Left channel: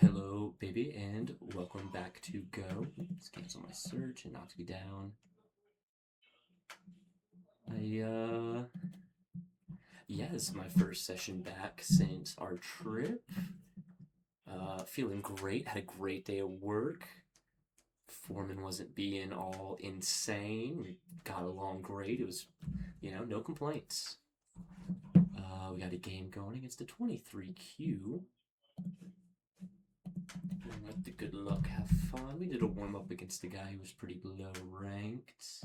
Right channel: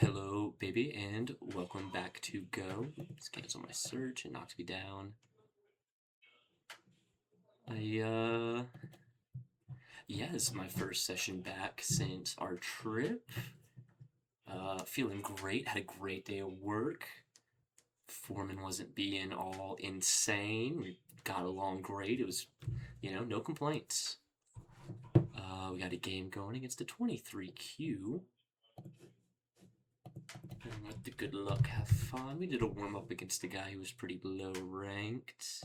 Hello, baby, and welcome back to Go. Let's cancel my search and knocked me down. Yeah, this is my first session back since our trip. Feeling great, had a great day of work. Foreman wasn't being all insane. We got along great. It was, no complaints. We got a game going against the 23Q. And with the good luck, have fun. We did a warm up against a guy who was pretty low ranked.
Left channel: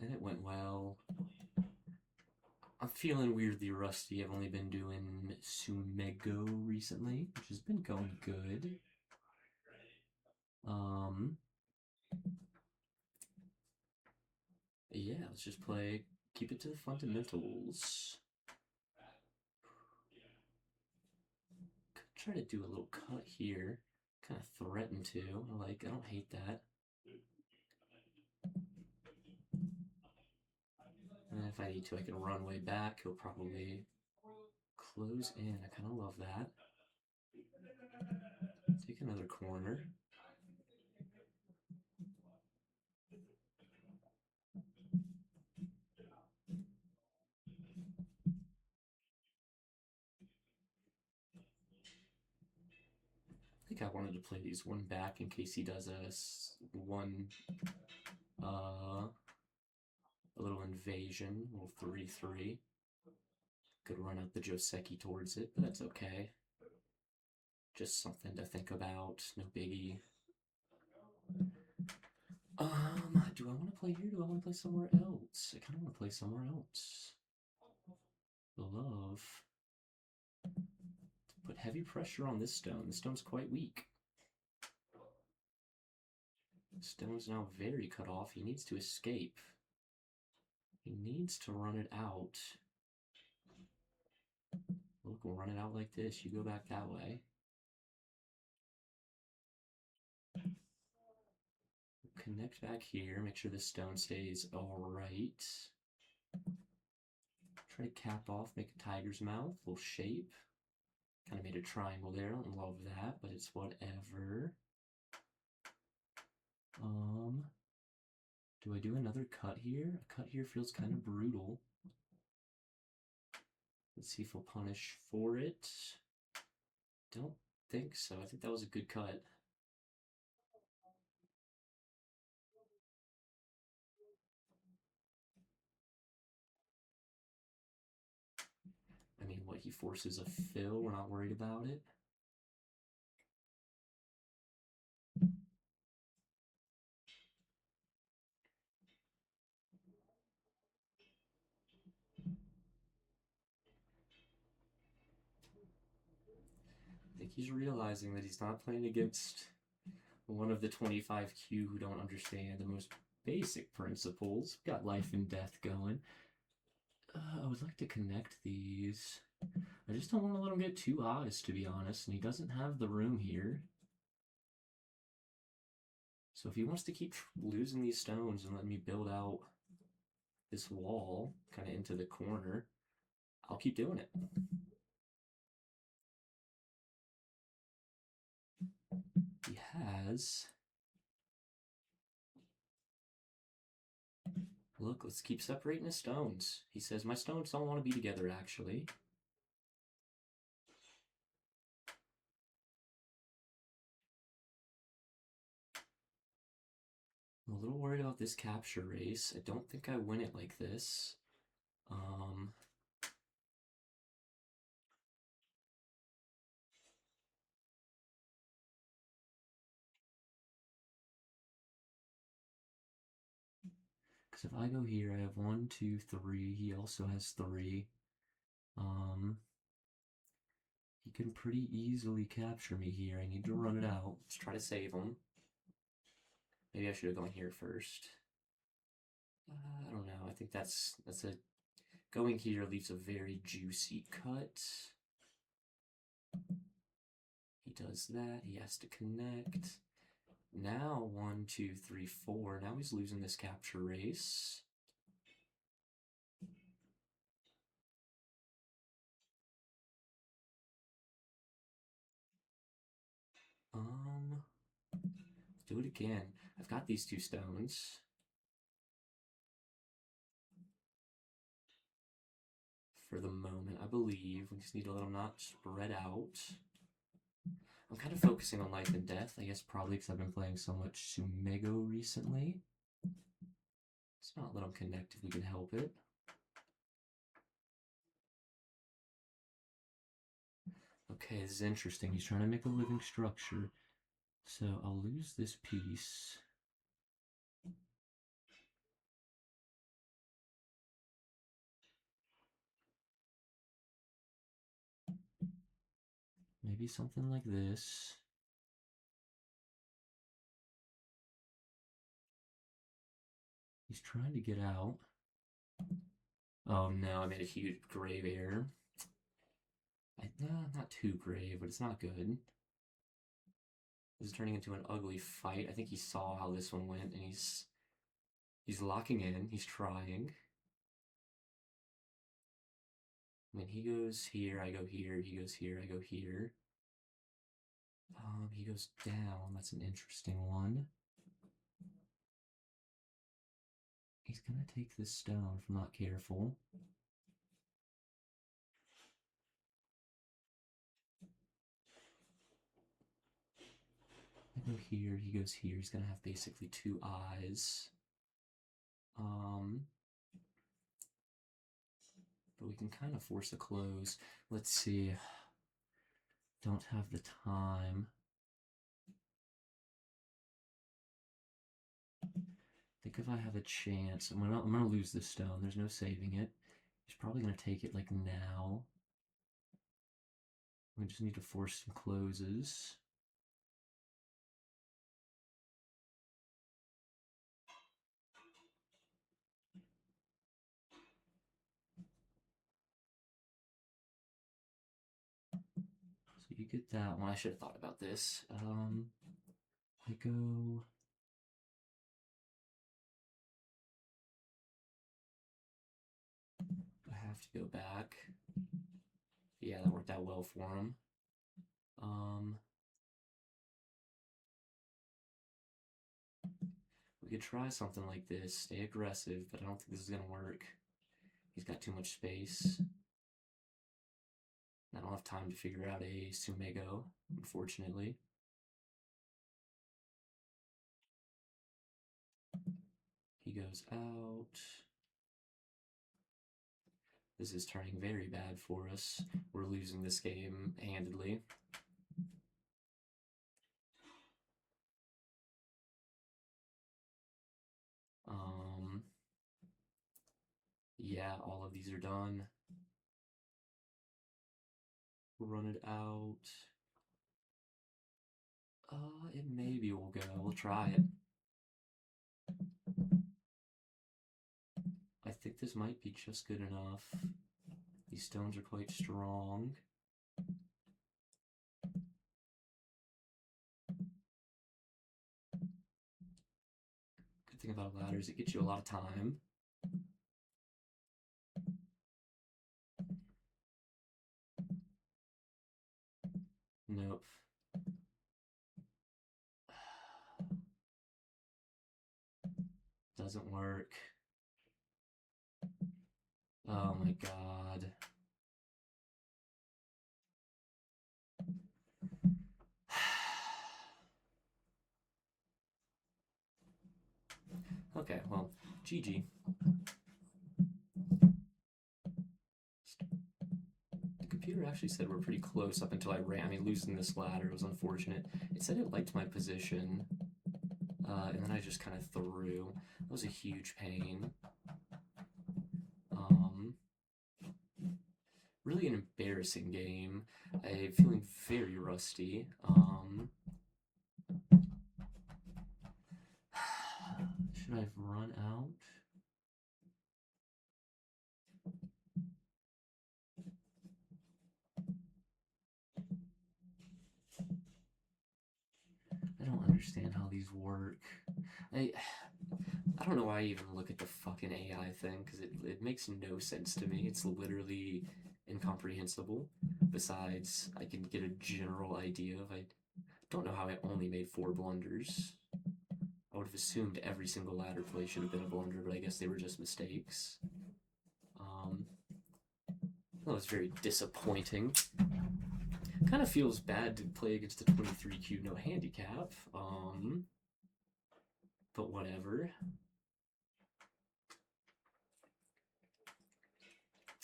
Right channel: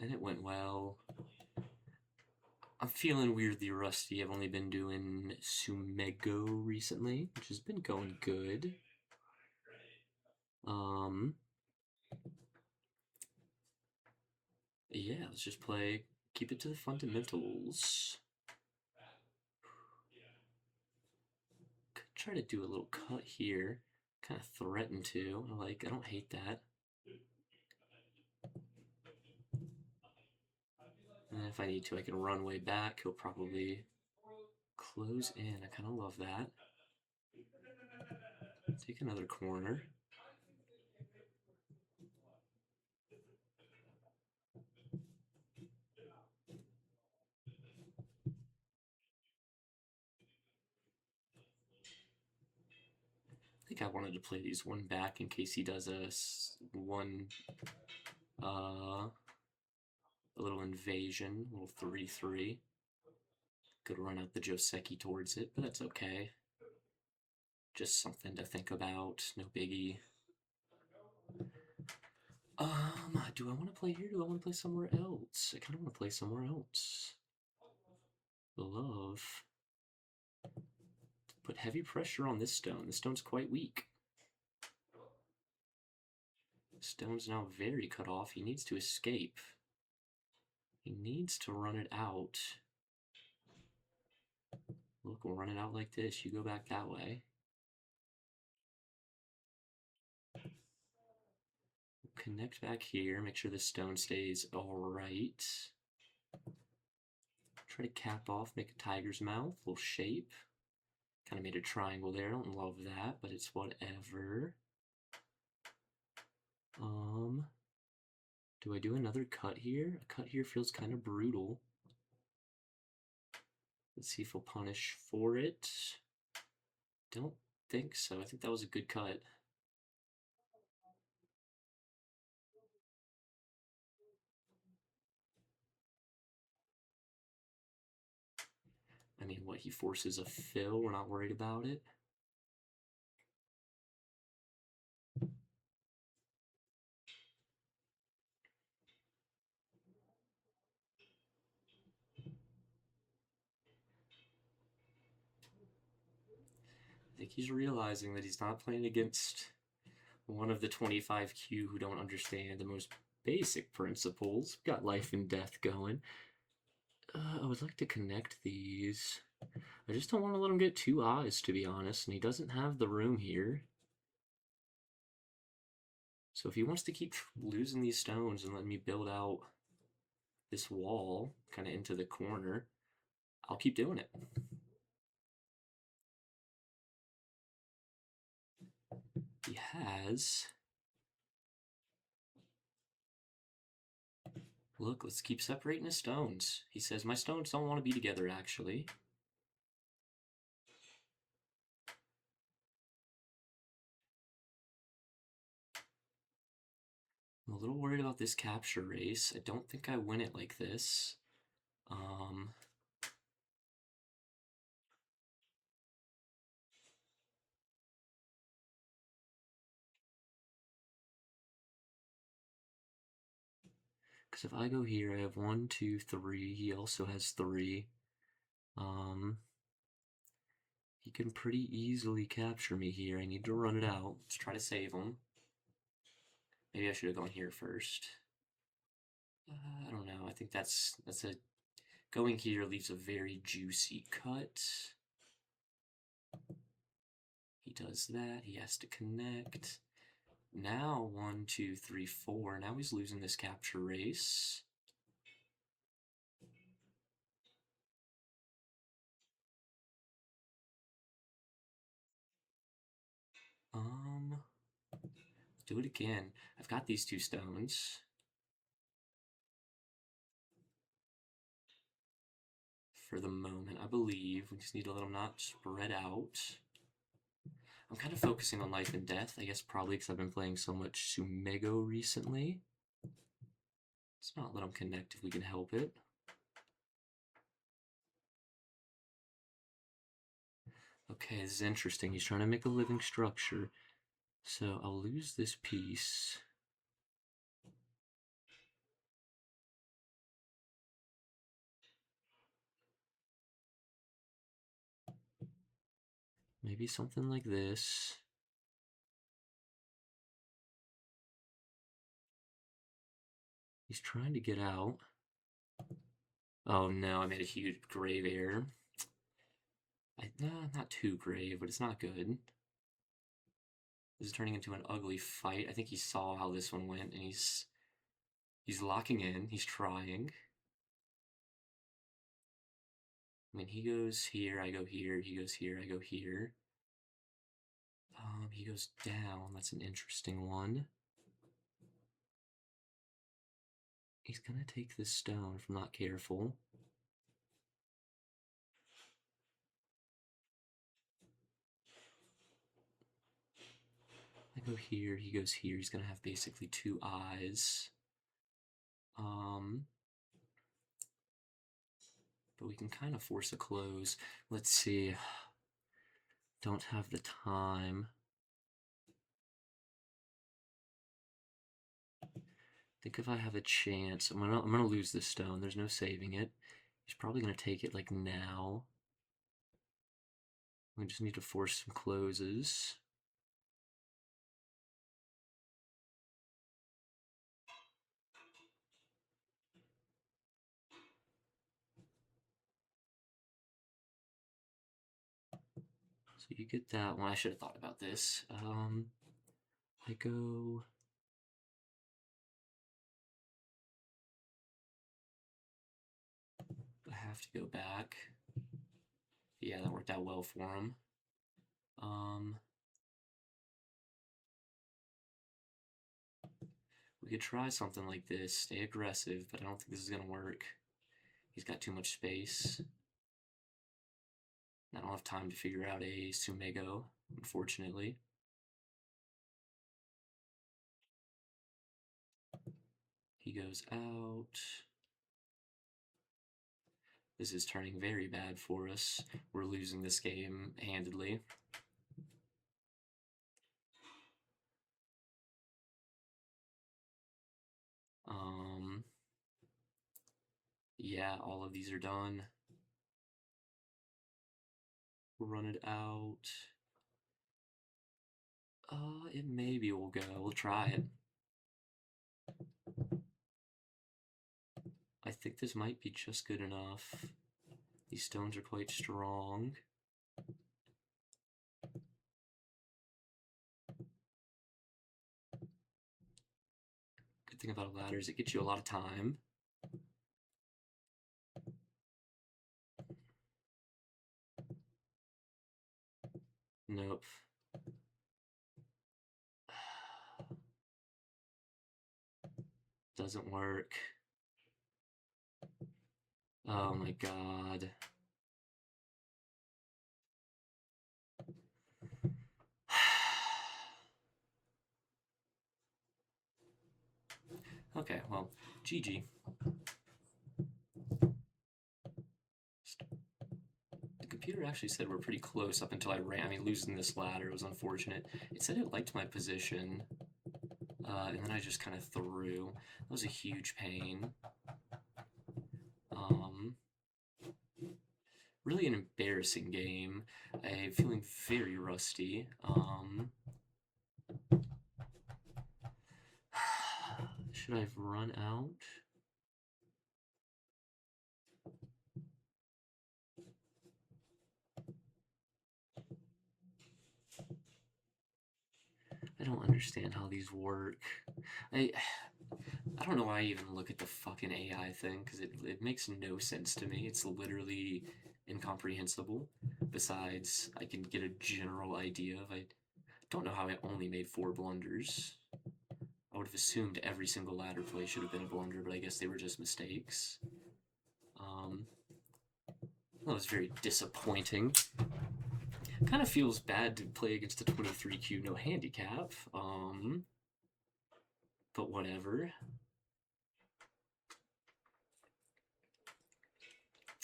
And it went well. I'm feeling weirdly rusty. I've only been doing Sumego recently, which has been going good. Yeah, let's just play, keep it to the fundamentals. Could try to do a little cut here. Kind of threaten to. I don't hate that. And if I need to, I can run way back. He'll probably close in. I kind of love that. Take another corner. I think I wanted to play these one back in case he does a little invasion, a little 3-3. Could run out the Joseki towards it, but that's okay. Just something to think about, no biggie. Do I want to play here? Do I want to play somewhere else? I kind of want to play somewhere else. Love. Put heavy pressure on this stone. This stone's quite weak. Stone's now very cut off. He needs to escape. He needs to run it out. Look, we'll run it out like this. You go back that way. Connect back here. Make sure this stone stays alright. Try to cap off, make a tiger's mouth, little shape. Kind of made a triangle there. I don't love that, but it's whatever. Do I do another cut here? A cut here feels kind of brutal. Let's see if he'll punish for it. Don't think so. I think that was a good cut. I mean, what, he forces a fill? We're not worried about it. I think he's realizing that he's not playing against one of the 25Q who don't understand the most basic principles. We've got life and death going. I would like to connect these. I just don't want to let him get two eyes, to be honest, and he doesn't have the room here. So if he wants to keep losing these stones and let me build out this wall kind of into the corner, I'll keep doing it. He has... Look, let's keep separating his stones. He says, my stones don't want to be together, actually. I'm a little worried about this capture race. I don't think I win it like this. Because if I go here, I have 1, 2, 3. He also has 3. He can pretty easily capture me here. I need to run it out. Let's try to save him. Maybe I should have gone here first. I don't know. I think that's a... Going here leaves a very juicy cut. He does that. He has to connect. Now 1, 2, 3, 4. Now he's losing this capture race. Do it again. I've got these 2 stones. For the moment, I believe. We just need to let them not spread out. I'm kind of focusing on life and death, I guess probably because I've been playing so much Sumego recently. Let's not let them connect if we can help it. Okay, this is interesting. He's trying to make a living structure. So I'll lose this piece. Maybe something like this. He's trying to get out. Oh no, I made a huge grave error. Not too grave, but it's not good. This is turning into an ugly fight. I think he saw how this one went, and he's locking in. He's trying. I mean, he goes here, I go here. He goes here, I go here. He goes down. That's an interesting one. He's gonna take this stone if I'm not careful. I go here, he goes here. He's gonna have basically 2 eyes. But we can kind of force a close. Let's see. Don't have the time. I think if I have a chance, I'm gonna lose this stone. There's no saving it. He's probably gonna take it like now. We just need to force some closes. So you get that one. I should have thought about this. I go. I have to go back. Yeah, that worked out well for him. We could try something like this. Stay aggressive, but I don't think this is gonna work. He's got too much space. I don't have time to figure out a Sumego, unfortunately. He goes out. This is turning very bad for us. We're losing this game handedly. Yeah, all of these are done. We'll run it out. It maybe will go. We'll try it. I think this might be just good enough. These stones are quite strong. Good thing about a ladder is it gets you a lot of time. Nope. Doesn't work. Oh my god. Okay, well, GG. The computer actually said we're pretty close up until I ran. I mean, losing this ladder was unfortunate. It said it liked my position, and then I just kind of threw. That was a huge pain. Really an embarrassing game. I'm feeling very rusty. Should I have run out? I don't understand how these work. I don't know why I even look at the fucking AI thing, because it makes no sense to me. It's literally incomprehensible. Besides, I can get a general idea of I don't know how I only made 4 blunders. I would have assumed every single ladder play should have been a blunder, but I guess they were just mistakes. That was very disappointing. Kind of feels bad to play against a 23Q no handicap. But whatever.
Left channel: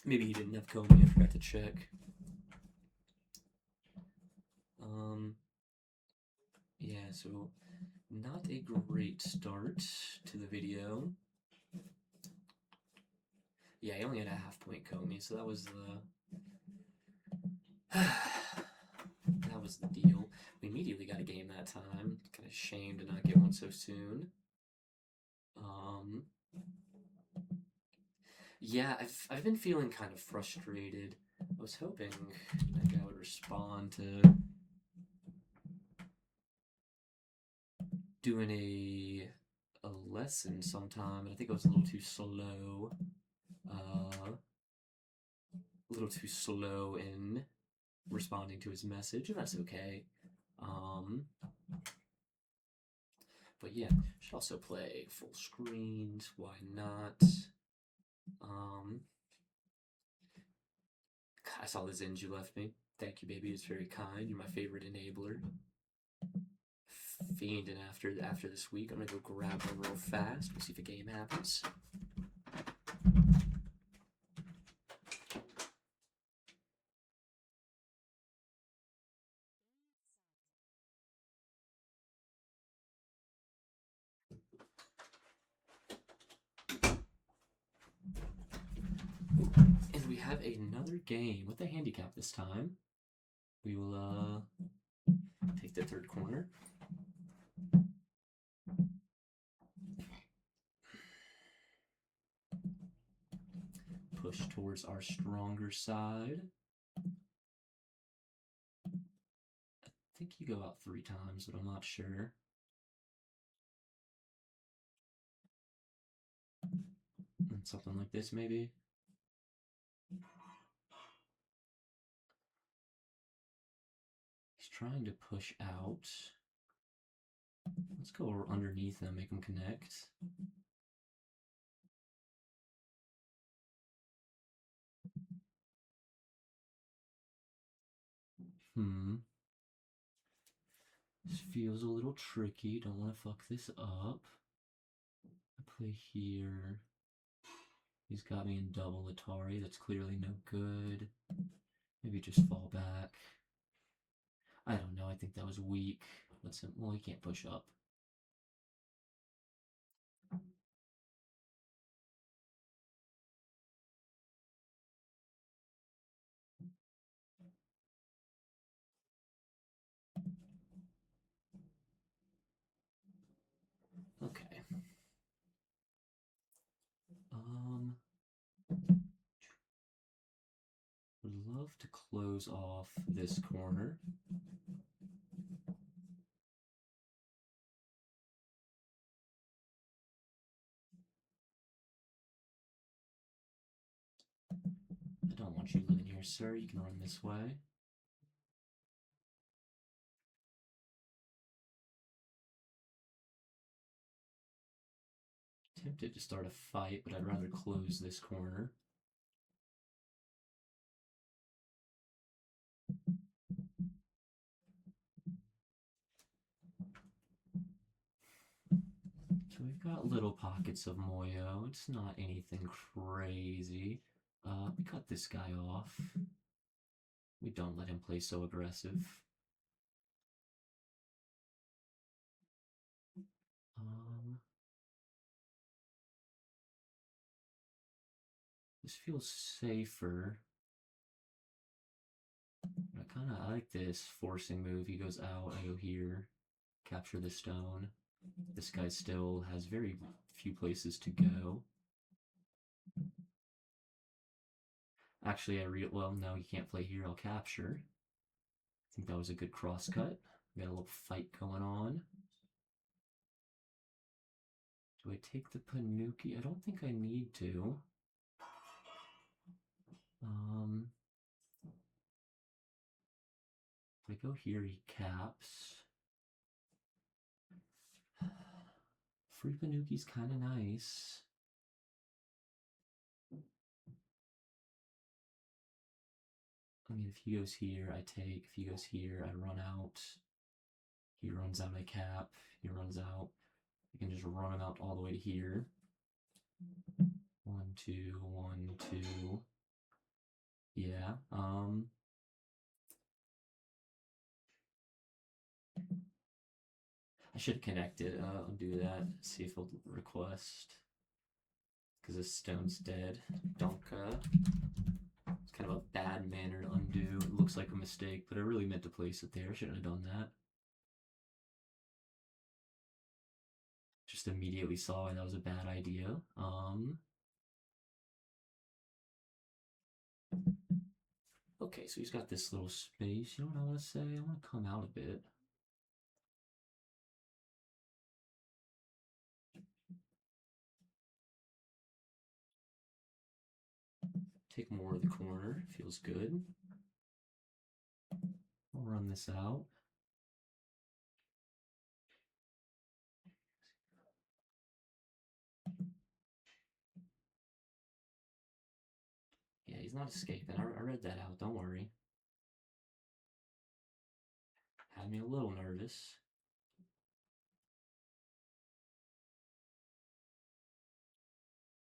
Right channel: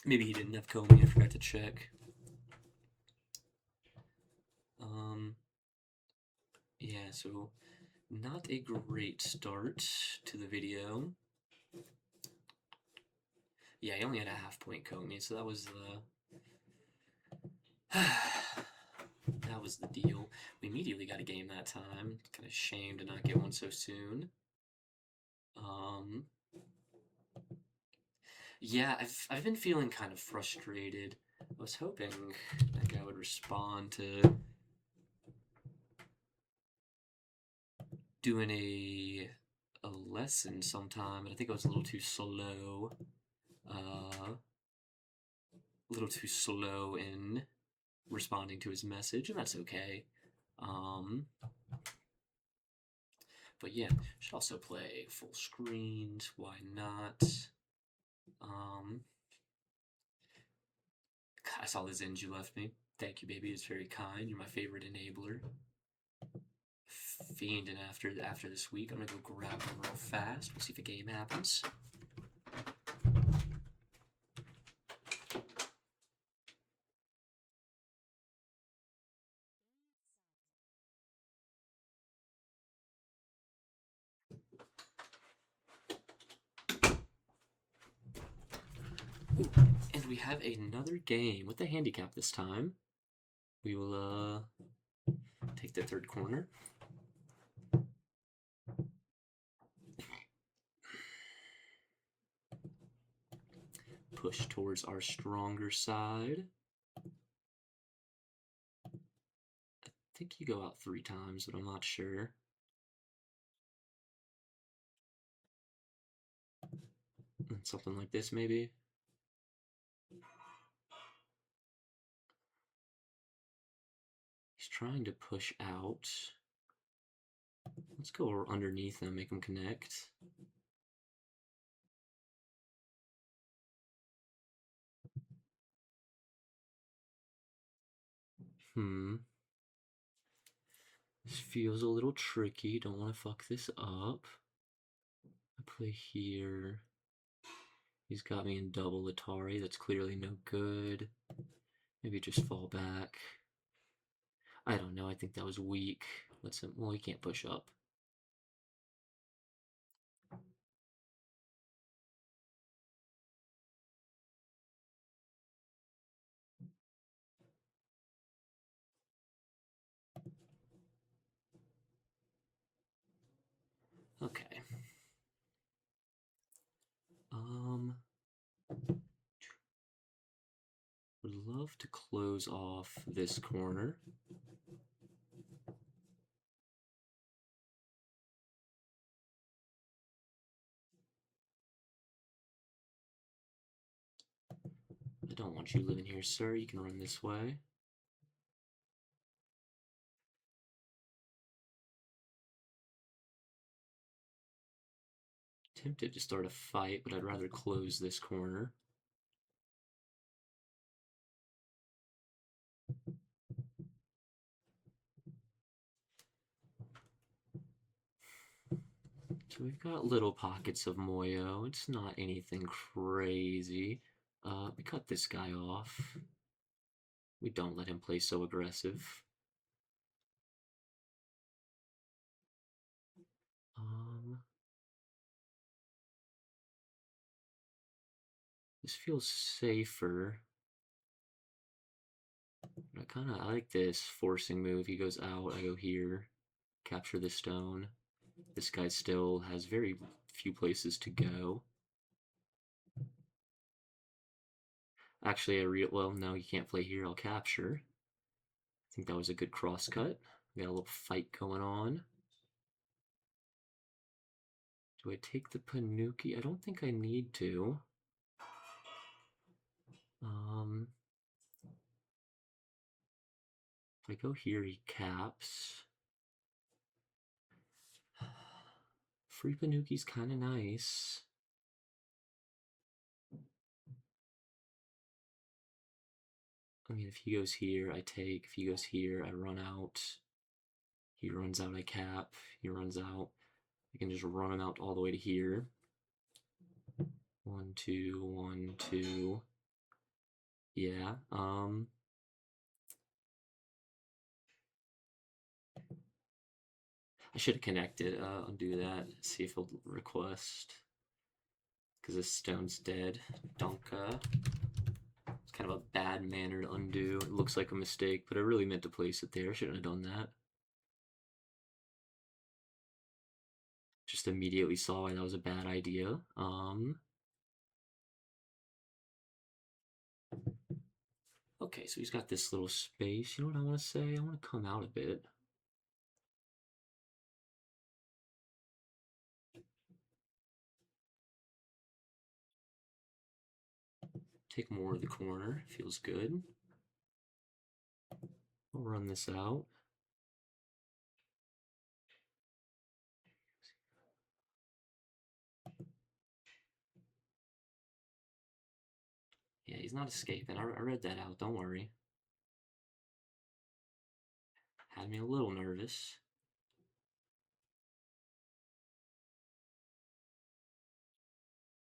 Maybe he didn't have Comey, I forgot to check. Yeah, so not a great start to the video. Yeah, he only had a half-point Comey, so that was the that was the deal. We immediately got a game that time. Kind of shame to not get one so soon. Yeah, I've been feeling kind of frustrated. I was hoping that guy would respond to doing a lesson sometime, but I think I was a little too slow. A little too slow in responding to his message, and that's okay. But yeah, should also play full screens. Why not? I saw the Zins you left me. Thank you, baby. It's very kind. You're my favorite enabler. Fiending after this week. I'm gonna go grab one real fast. We'll see if a game happens. And we have another game with the handicap this time. We will take the third corner. Push towards our stronger side. I think you go out 3 times, but I'm not sure. Something like this, maybe. He's trying to push out. Let's go underneath and make him connect. This feels a little tricky. Don't want to fuck this up. I play here. He's got me in double Atari. That's clearly no good. Maybe just fall back. I don't know. I think that was weak. Let's. Well, he can't push up. Okay. Would love to close off this corner. I don't want you living here, sir. You can run this way. Tempted to start a fight, but I'd rather close this corner. So we've got little pockets of Moyo. It's not anything crazy. We cut this guy off. We don't let him play so aggressive. This feels safer. But I like this forcing move. He goes out, I go here, capture the stone. This guy still has very few places to go. Actually, well, no, you can't play here. I'll capture. I think that was a good cross cut. We got a little fight going on. Do I take the Panuki? I don't think I need to. If I go here, he caps. Free Panuki's kind of nice. I mean, if he goes here, I take. If he goes here, I run out. He runs out, I cap. He runs out. I can just run him out all the way to here. 1, 2, 1, 2. Yeah. I should have connected. I'll do that. See if he'll request. Because this stone's dead. Donka. It's kind of a bad manner to undo. It looks like a mistake, but I really meant to place it there. I shouldn't have done that. Just immediately saw why that was a bad idea. Okay, so he's got this little space. You know what I want to say? I want to come out a bit. Take more of the corner. Feels good. I'll run this out. Yeah, he's not escaping. I read that out. Don't worry. Had me a little nervous.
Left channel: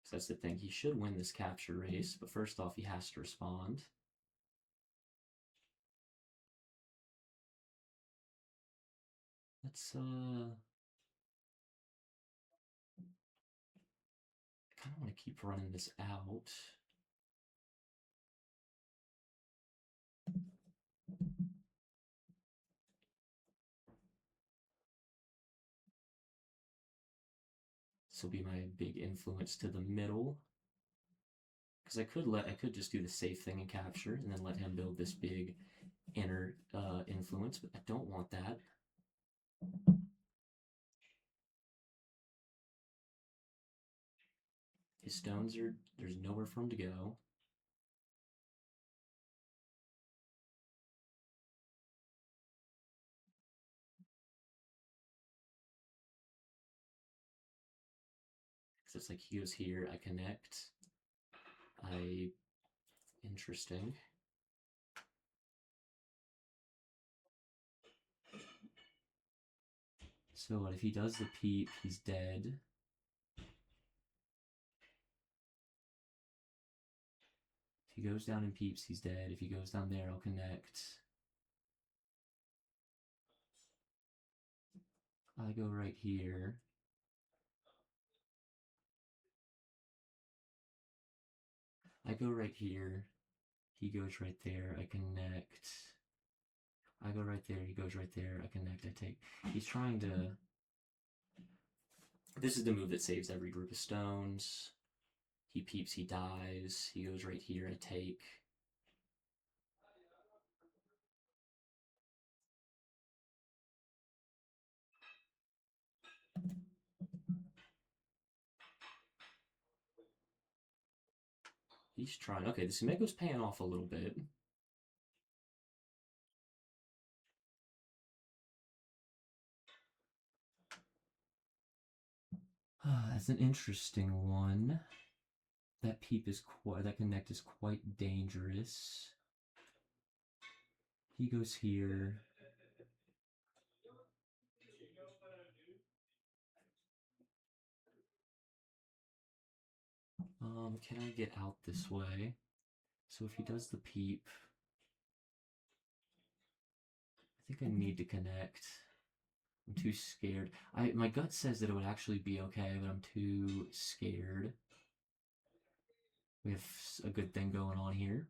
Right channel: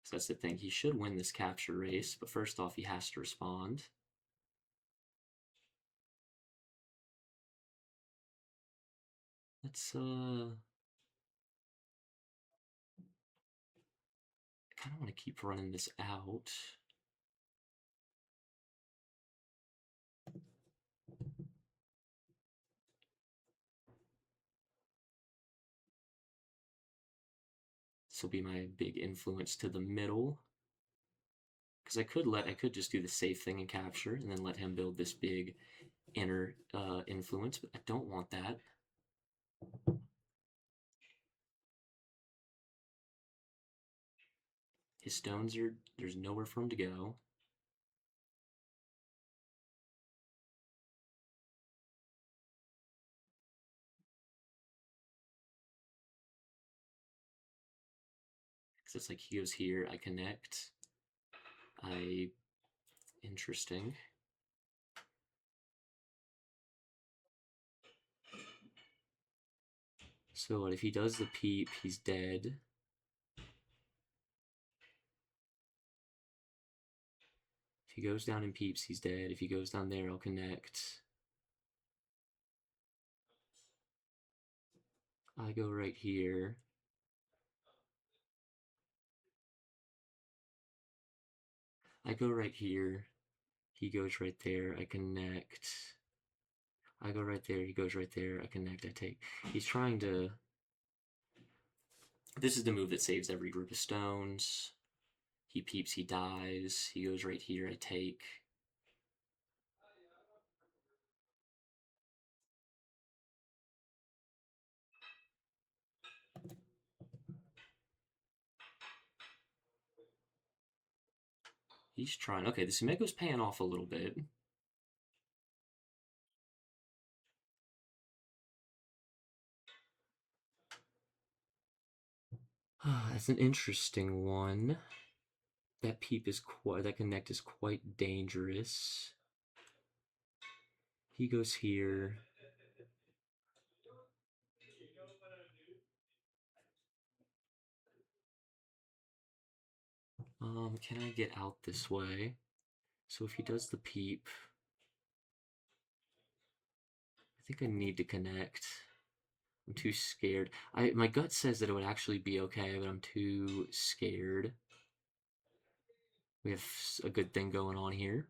So that's the thing. He should win this capture race, but first off, he has to respond. Let's, I kind of want to keep running this out. This will be my big influence to the middle. Because I could just do the safe thing and capture, and then let him build this big inner influence, but I don't want that. His stones are, there's nowhere for him to go. Because it's like he goes here, I connect. Interesting. So what if he does the peep, he's dead. If he goes down and peeps, he's dead. If he goes down there, I'll connect. I go right here. I go right here. He goes right there. I connect. I go right there. He goes right there. I connect. I take. He's trying to. This is the move that saves every group of stones. He peeps. He dies. He goes right here. I take. He's trying. Okay, the Sumeko's paying off a little bit. That's an interesting one. That peep is quite. That connect is quite dangerous. He goes here. Can I get out this way? So if he does the peep, I think I need to connect. I'm too scared. My gut says that it would actually be okay, but I'm too scared. We have a good thing going on here.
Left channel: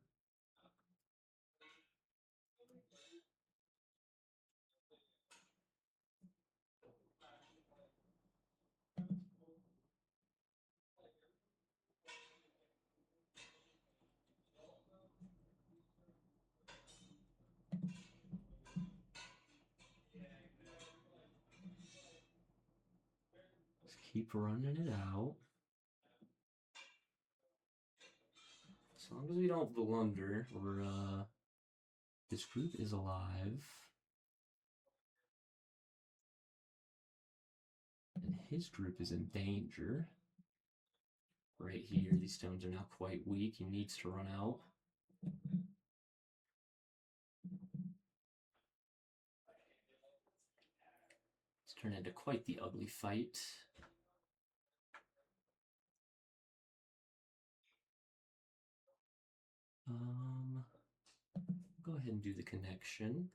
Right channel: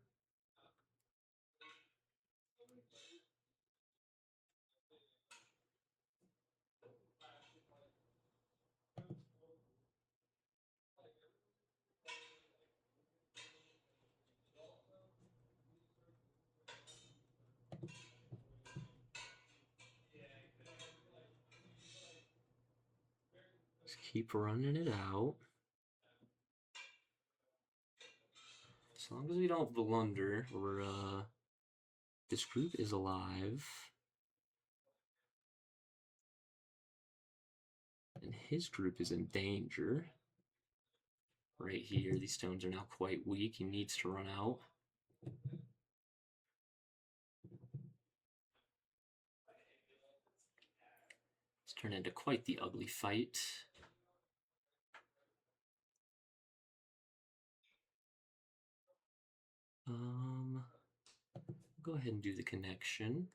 Just keep running it out. As long as we don't blunder, or this group is alive. And his group is in danger. Right here, these stones are now quite weak. He needs to run out. It's turned into quite the ugly fight. Go ahead and do the connection.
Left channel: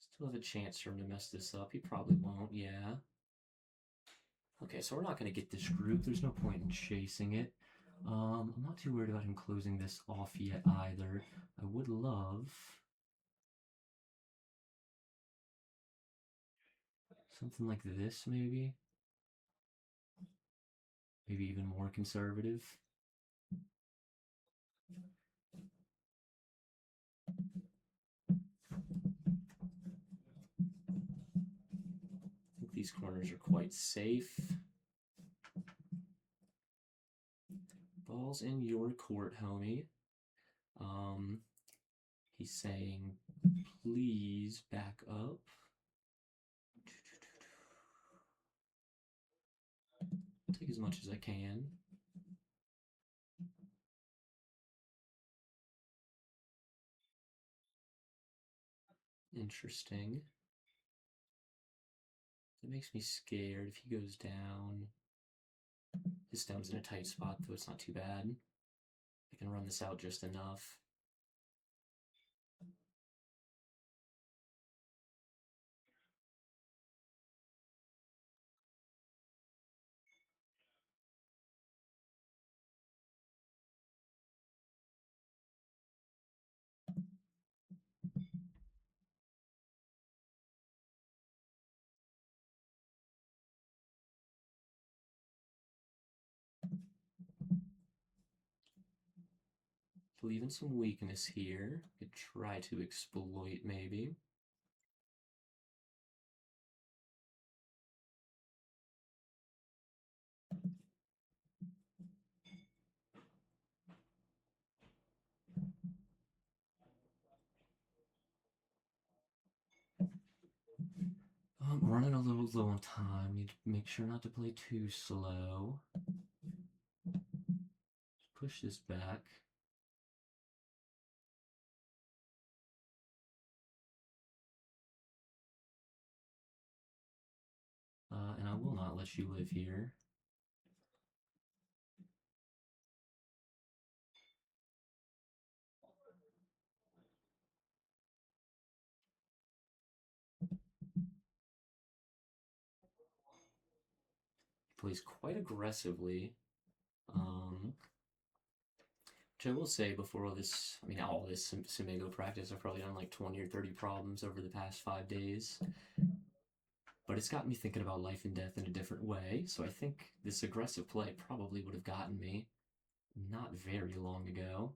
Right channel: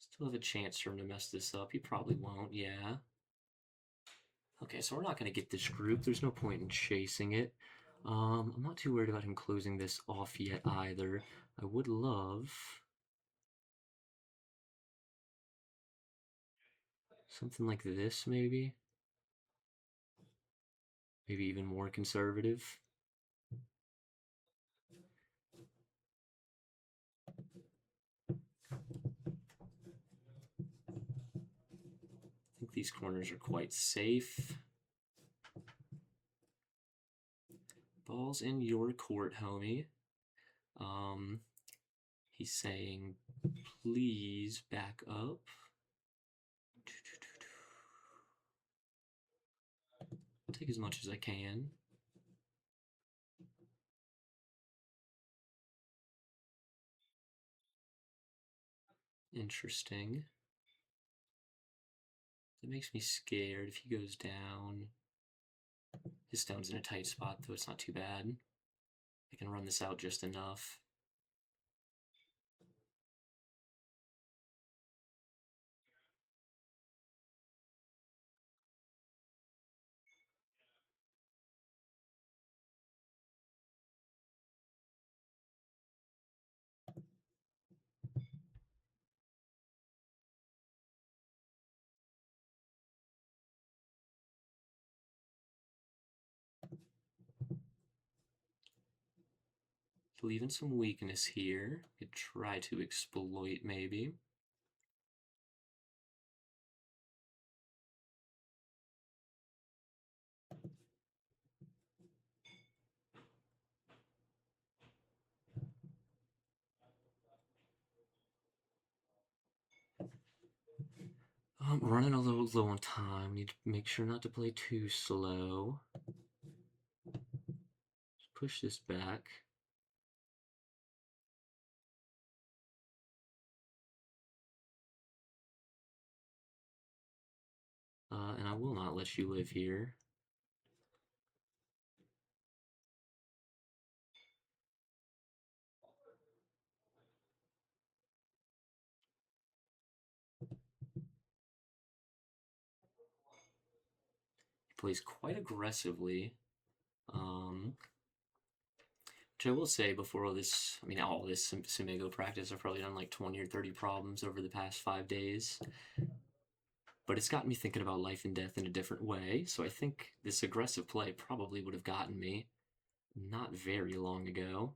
Still have a chance for him to mess this up. He probably won't, yeah. Okay, so we're not going to get this group. There's no point in chasing it. I'm not too worried about him closing this off yet either. I would love something like this, maybe. Maybe even more conservative. I think these corners are quite safe. Ball's in your court, homie. He's saying, please back up. I'll take as much as I can. Interesting. That makes me scared if he goes down. His stone's in a tight spot, though it's not too bad. I can run this out just enough. Leaving some weakness here. Could try to exploit, maybe. I'm running a little low on time. Need to make sure not to play too slow. Just push this back. And I will not let you live here. He plays quite aggressively. Which I will say before all this, all this Sumigo practice, I've probably done like 20 or 30 problems over the past 5 days. But it's gotten me thinking about life and death in a different way, so I think this aggressive play probably would have gotten me not very long ago.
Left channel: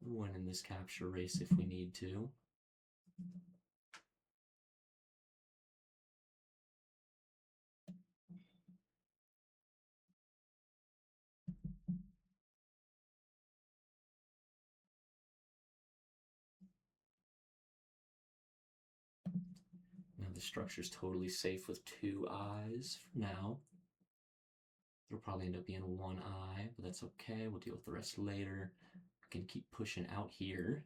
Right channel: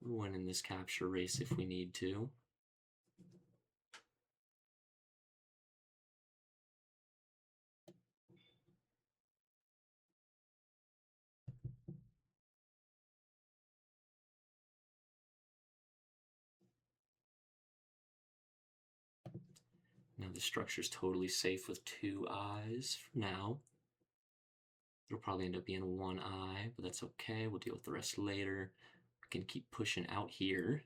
We're winning this capture race if we need to. Now the structure's totally safe with 2 eyes for now. It'll probably end up being 1 eye, but that's okay. We'll deal with the rest later. We can keep pushing out here.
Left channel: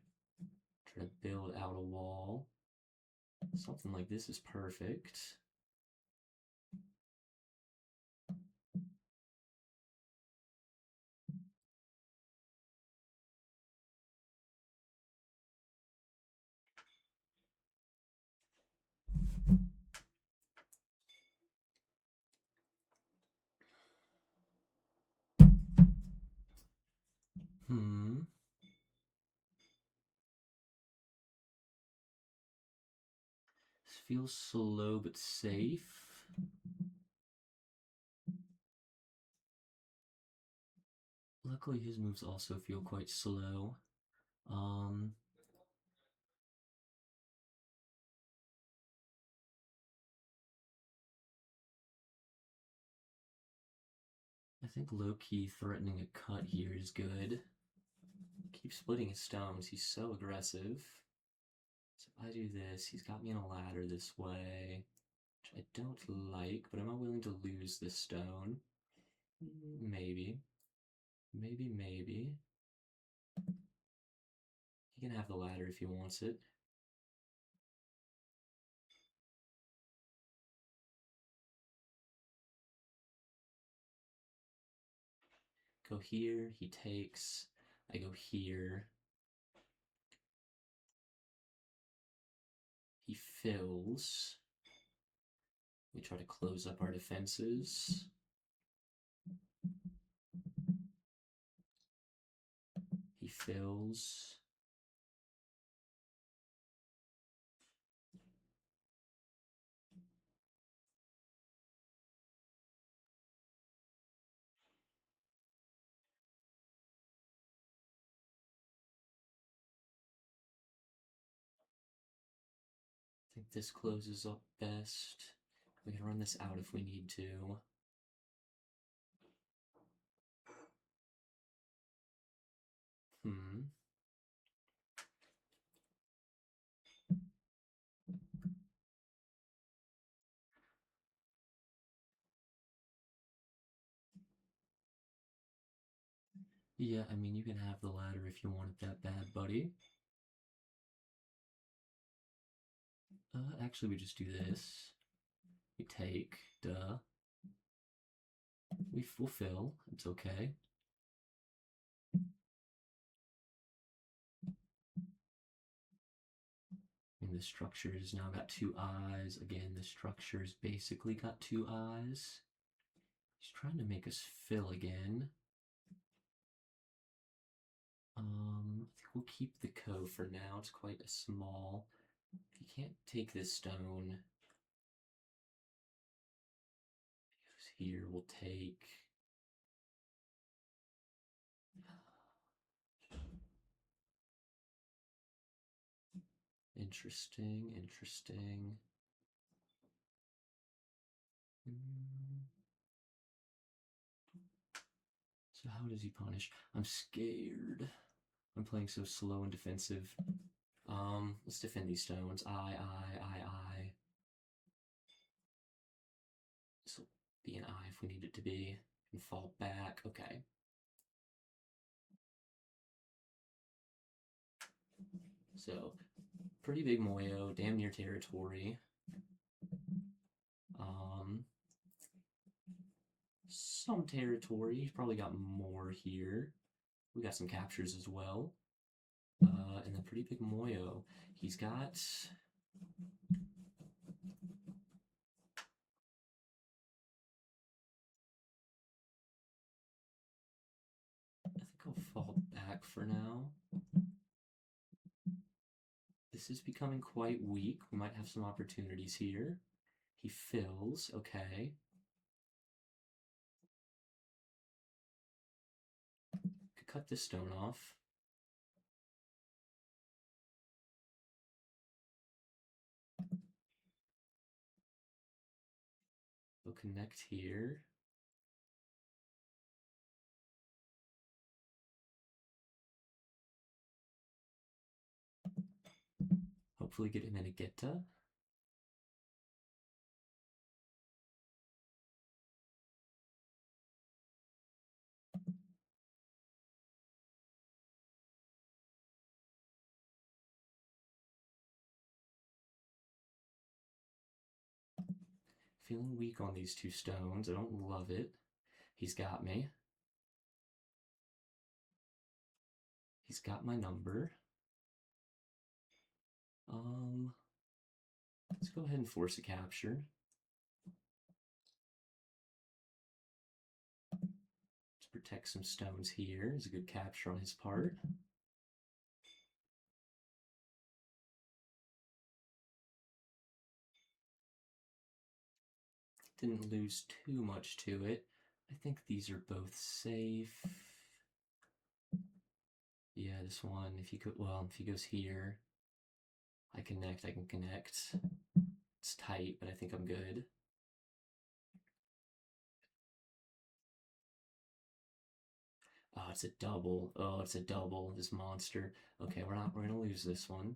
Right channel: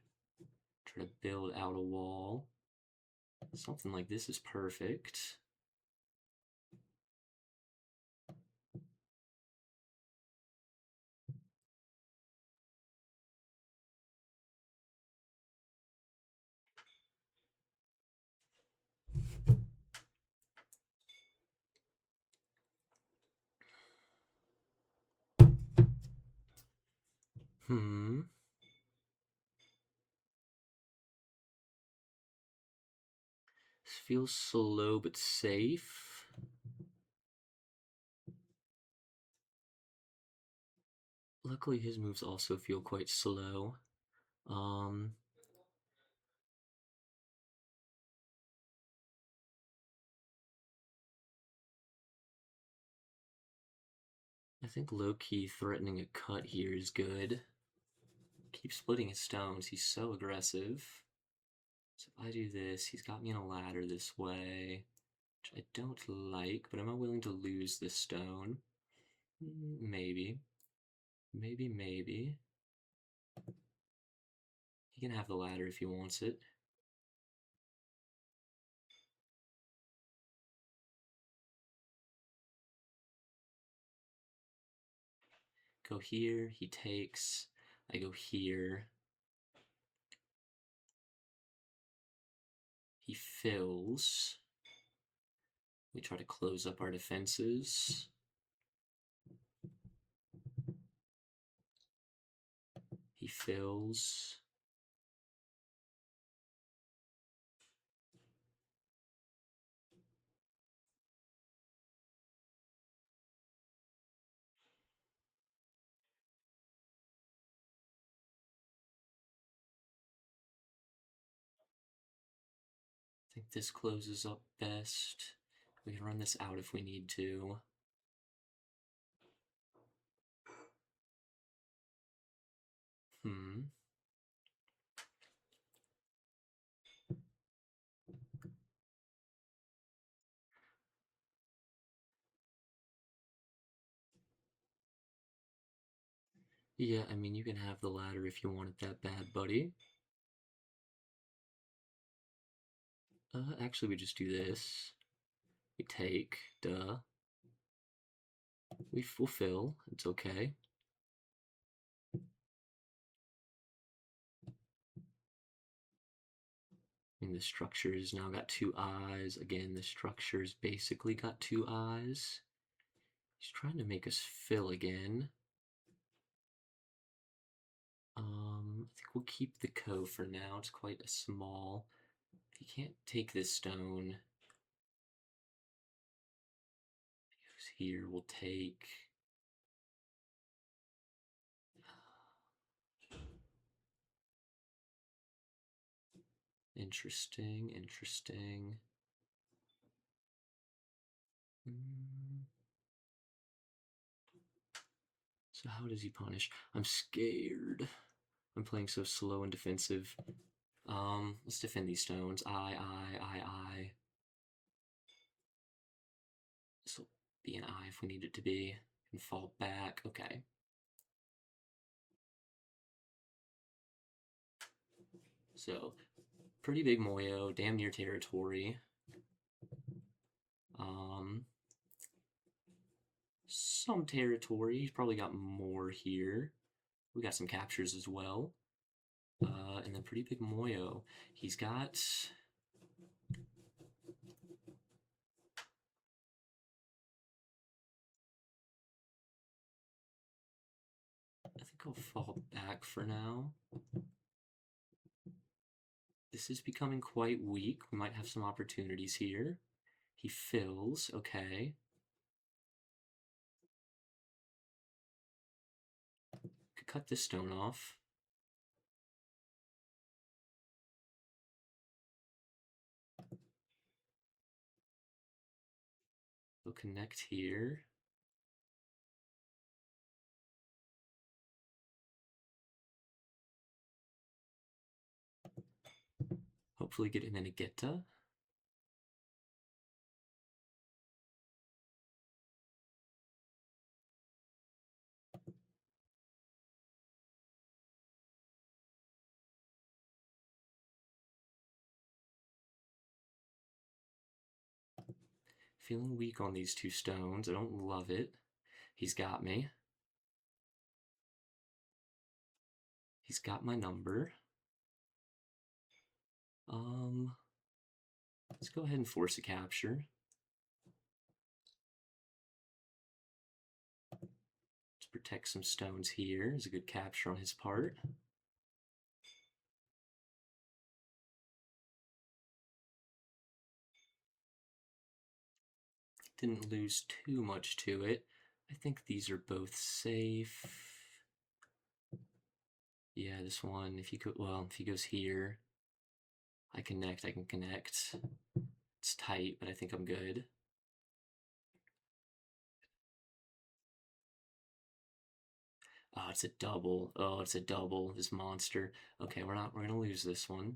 Try to build out a wall. Something like this is perfect. This feels slow but safe. Luckily, his moves also feel quite slow. think low-key threatening a cut here is good. Keep splitting his stones. He's so aggressive. So if I do this, he's got me in a ladder this way, which I don't like, but am I willing to lose this stone? Maybe. Maybe. He can have the ladder if he wants it. Go here, he takes. I go here. He fills. We try to close up our defenses. He fills. I think this closes up best. We can run this out if we need to. Yeah, I mean, you can have the ladder if you want it that bad, buddy. Actually, we just do this. We take, duh. We fulfill, it's okay. And the structure's now got 2 eyes. Again, the structure's basically got 2 eyes. He's trying to make us fill again. I think we'll keep the co for now. It's quite a small. If he can't take this stone, if he goes here, we'll take. Interesting. So how does he punish? I'm scared. I'm playing so slow and defensive. Let's defend these stones. I. This will be an I if we need it to be. And fall back. Okay. So, pretty big Moyo, damn near territory. Some territory. He's probably got more here. We got some captures as well. And then pretty big Moyo. He's got. I think I'll fall back for now. This is becoming quite weak. We might have some opportunities here. He fills. Okay. Could cut this stone off. We'll connect here. Hopefully get an Inageta. Feeling weak on these 2 stones. I don't love it. He's got me. He's got my number. Let's go ahead and force a capture. Let's protect some stones here. Is a good capture on his part. Didn't lose too much to it. I think these are both safe. Yeah, this one, if he goes here, I can connect. It's tight, but I think I'm good. Oh, it's a double. Oh, it's a double. This monster. Okay, we're gonna lose this one.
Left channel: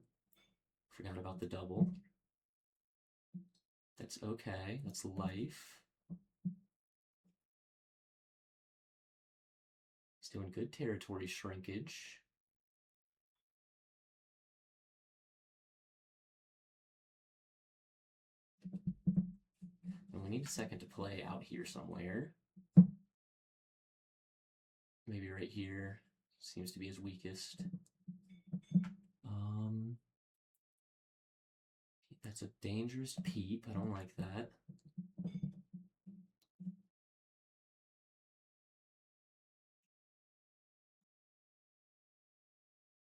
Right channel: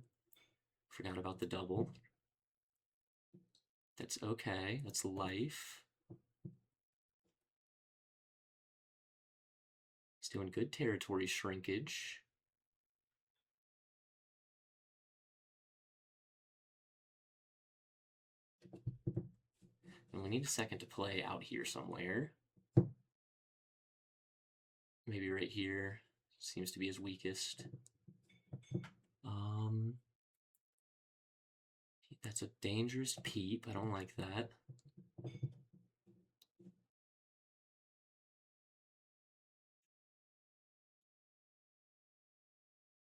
Forgot about the double. That's okay. That's life. He's doing good territory shrinkage. And we need a second to play out here somewhere. Maybe right here. Seems to be his weakest. That's a dangerous peep. I don't like that.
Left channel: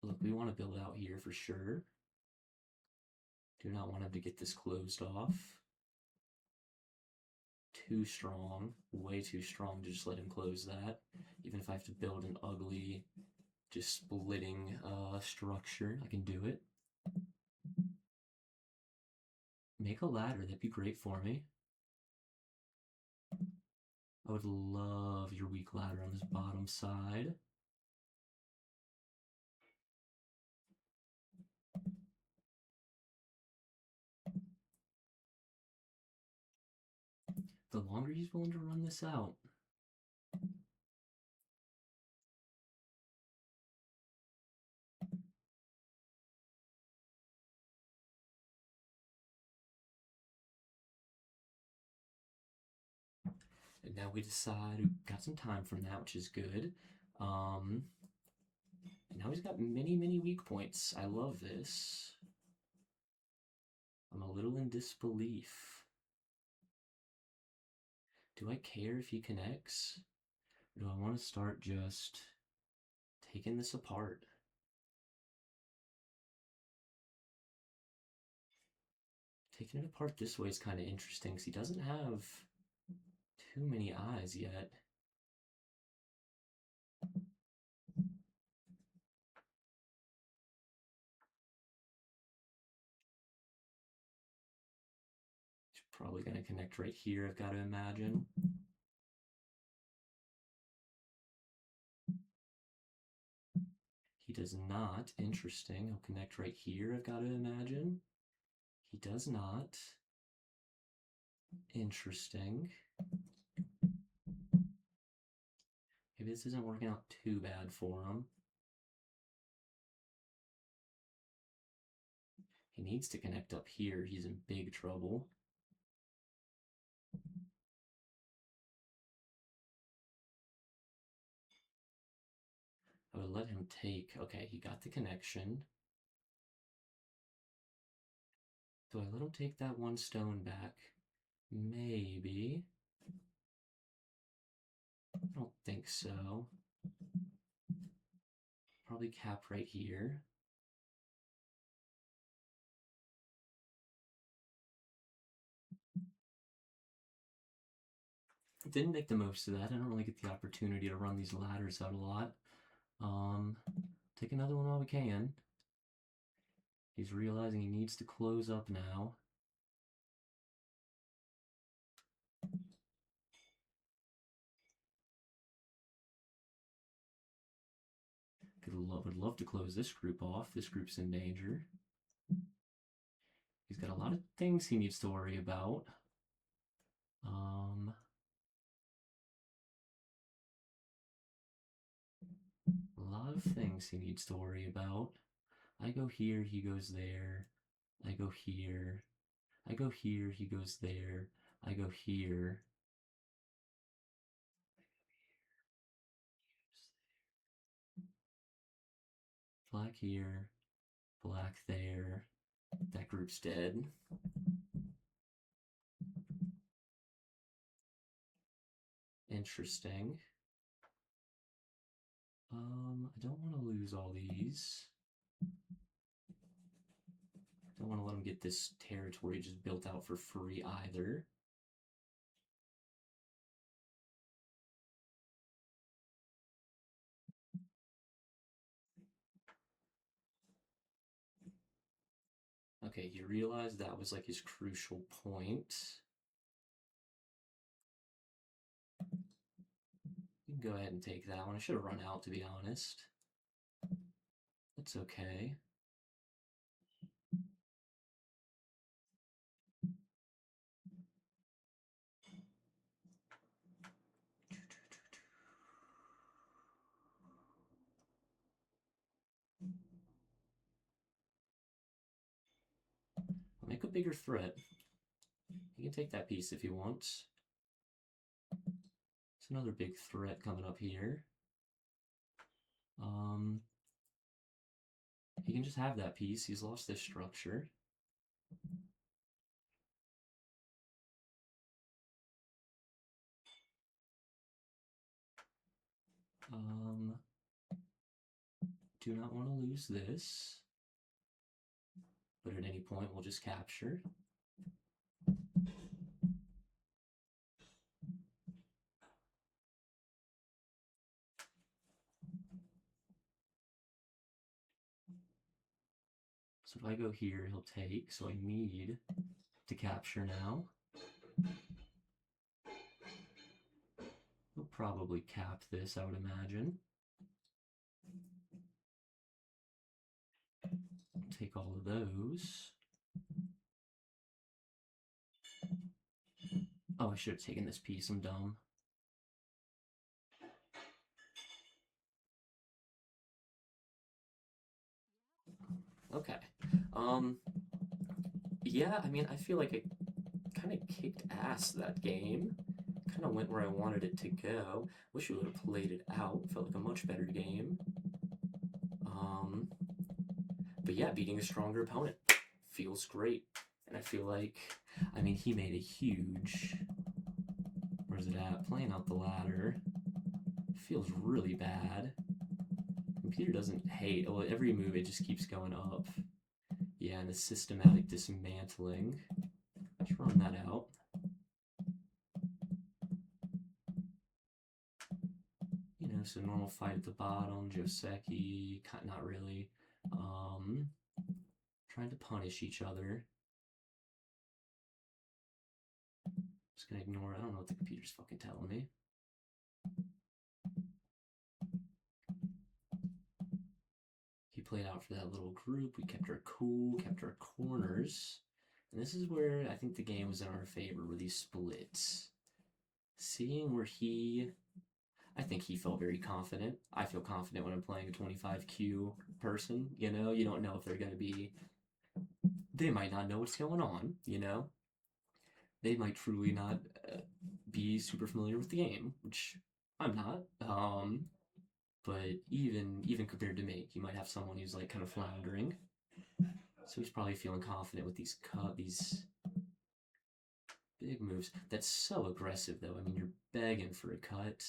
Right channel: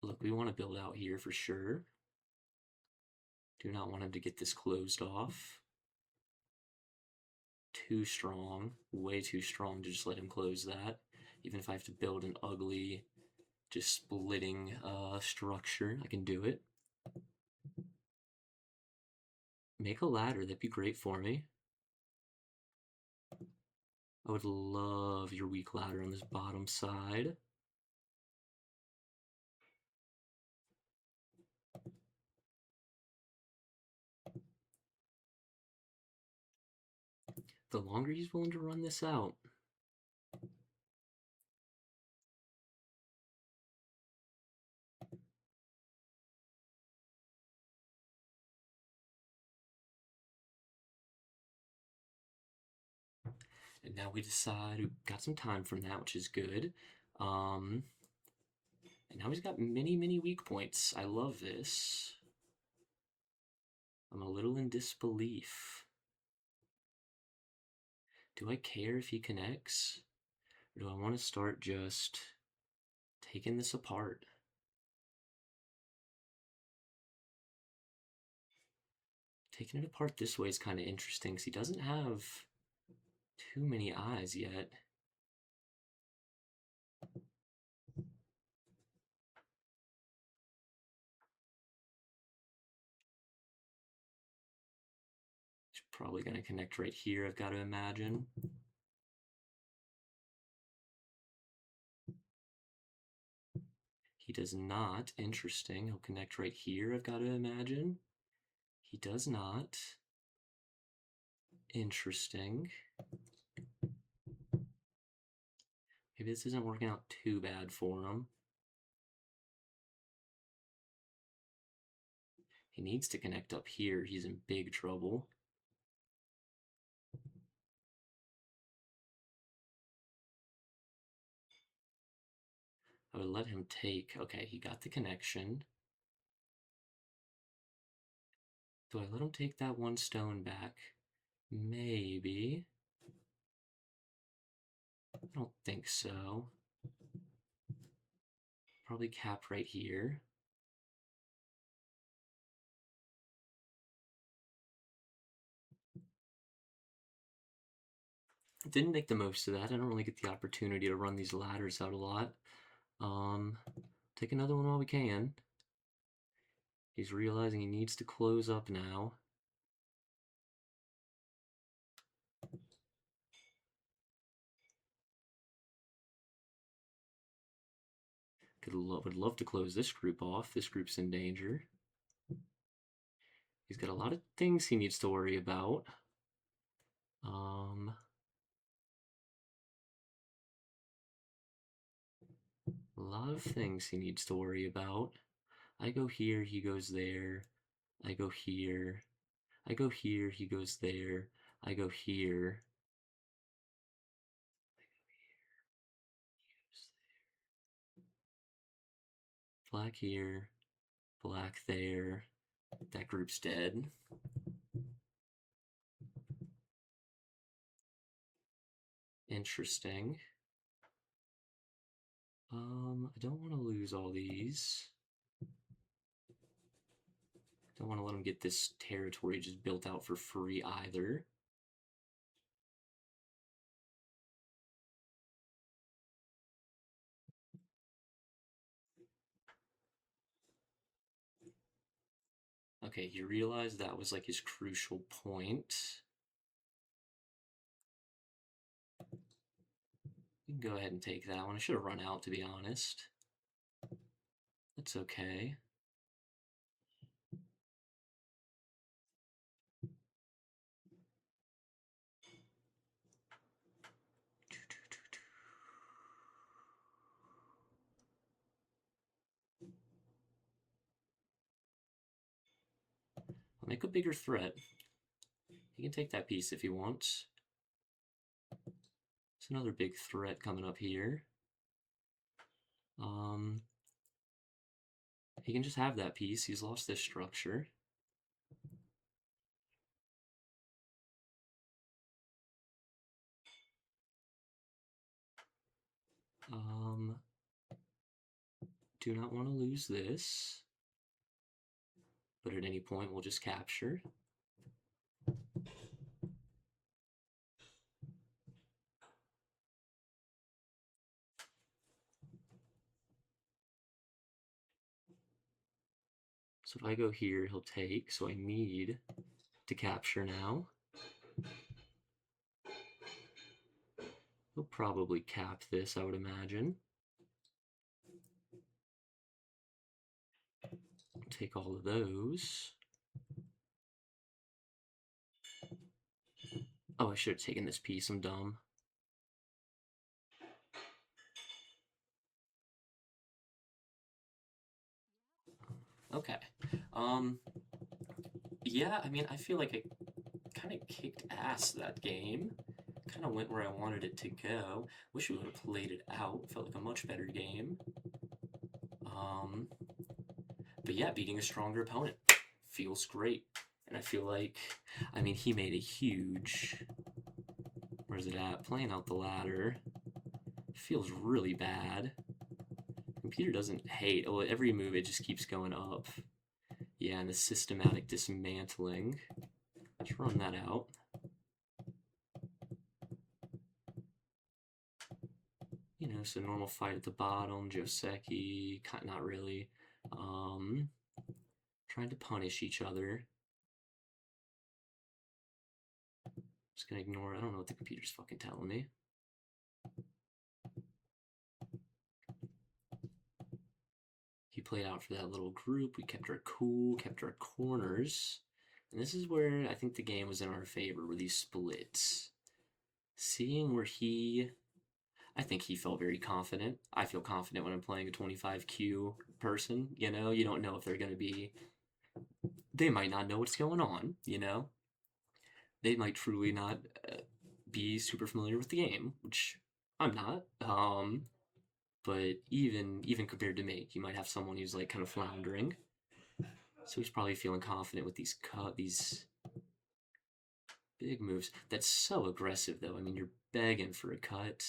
Look, we want to build out here for sure. Do not want him to get this closed off. Too strong. Way too strong to just let him close that. Even if I have to build an ugly, just splitting structure, I can do it. Make a ladder. That'd be great for me. I would love your weak ladder on this bottom side. The longer he's willing to run this out. And now we decide we got some time from that, which is good. And now he's got many, many weak points. I love this. I'm a little in disbelief. Do I care if he connects? Or do I want to start just taking this apart? Taking it apart this way is kind of interesting because he doesn't have too many eyes yet. He's probably going to connect right here, I've got to imagine. He does not. Interesting. He'll connect right here, I've got to imagine. He does not. Interesting. Maybe this isn't working out too bad for him. He needs to connect up here. He's in big trouble. I would let him take... Okay, he got the connection. Do I let him take that one stone back? Maybe. I don't think so. Probably cap right here. Didn't make the most of that. I don't really get the opportunity to run these ladders out a lot. Take another one while we can. He's realizing he needs to close up now. Would love to close this group off. This group's in danger. He's got a lot of things he needs to worry about. A lot of things he needs to worry about. I go here, he goes there. I go here. I go here, he goes there. I go here. Black here, black there. That group's dead. Interesting. I don't want to lose all these. Don't want to let him get this territory just built out for free either. Okay, he realized that was like his crucial point. Go ahead and take that one. I should have run out, to be honest. That's okay. I'll make a bigger threat. He can take that piece if he wants. It's another big threat coming up here. He can just have that piece. He's lost this structure. Do not want to lose this, but at any point we'll just capture. So if I go here, he'll take, so I need to capture now. He'll probably cap this, I would imagine. Take all of those. Oh, I should have taken this piece, I'm dumb. Okay. Yeah, I mean, I feel like I kind of kicked ass that game. Kind of went where I wanted it to go. Wish we would have played it out. Felt like a much better game. But yeah, beating a stronger opponent feels great. And I feel like, I mean, he made a huge, where's it at? Playing out the ladder. Feels really bad. Computer doesn't hate, well, every move it just keeps going up. Yeah, and the systematic dismantling. Let's run that out. You know, so normal fight at the bottom, Joseki, not really. Trying to punish each other. Just gonna ignore it. I don't know what the computer's fucking telling me. He played out for that little group. We kept our cool, kept our corners. And this is where I think the game was in our favor, were these splits. Seeing where I think he felt very confident. I feel confident when I'm playing a 25Q person, you know? You don't know if they're going to be... They might not know what's going on, you know? They might truly not be super familiar with the game, which I'm not. But even compared to me, you might have someone who's like kind of floundering. So he's probably feeling confident with these big moves. That's so aggressive, though. I mean, you're begging for a cut.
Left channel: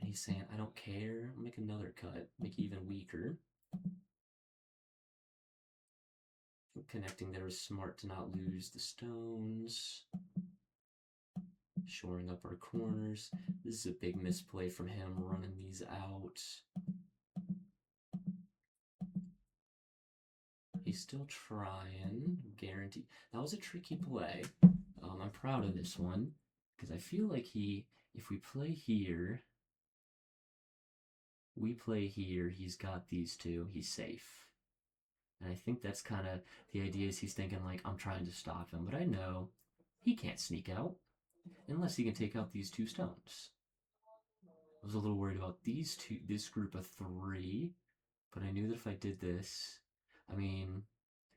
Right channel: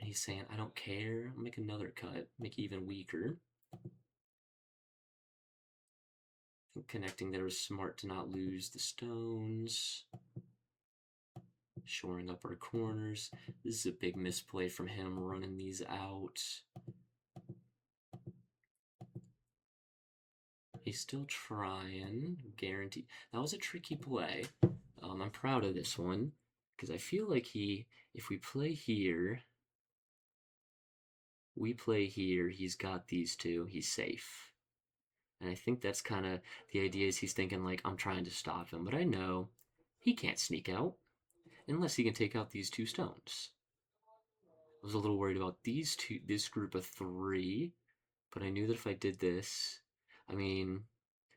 And he's saying, I don't care. I'll make another cut. Make it even weaker. I think connecting there is smart to not lose the stones. Shoring up our corners. This is a big misplay from him, running these out. He's still trying, guarantee. That was a tricky play. I'm proud of this one, because I feel like if we play here, he's got these two, he's safe. And I think that's kind of, the idea is he's thinking like, I'm trying to stop him, but I know he can't sneak out unless he can take out these two stones. I was a little worried about this group of three, but I knew that if I did this, I mean,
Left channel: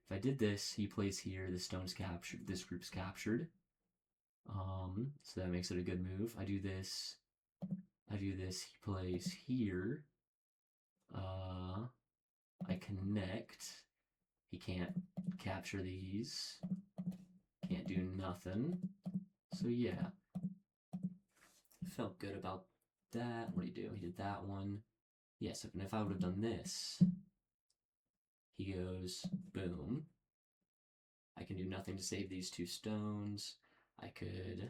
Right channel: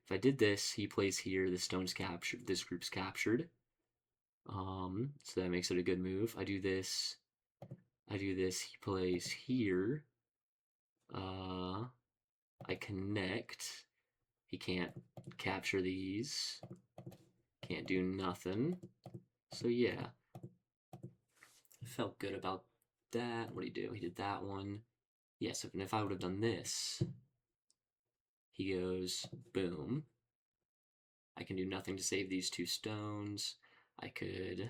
if I did this, he plays here, the stone's captured, this group's captured. So that makes it a good move. I do this, he plays here. I connect. He can't capture these. Can't do nothing. So yeah. Felt good about that. What did he do? He did that one. Yes, and if I would have done this, he goes, boom. I can do nothing to save these two stones. I could...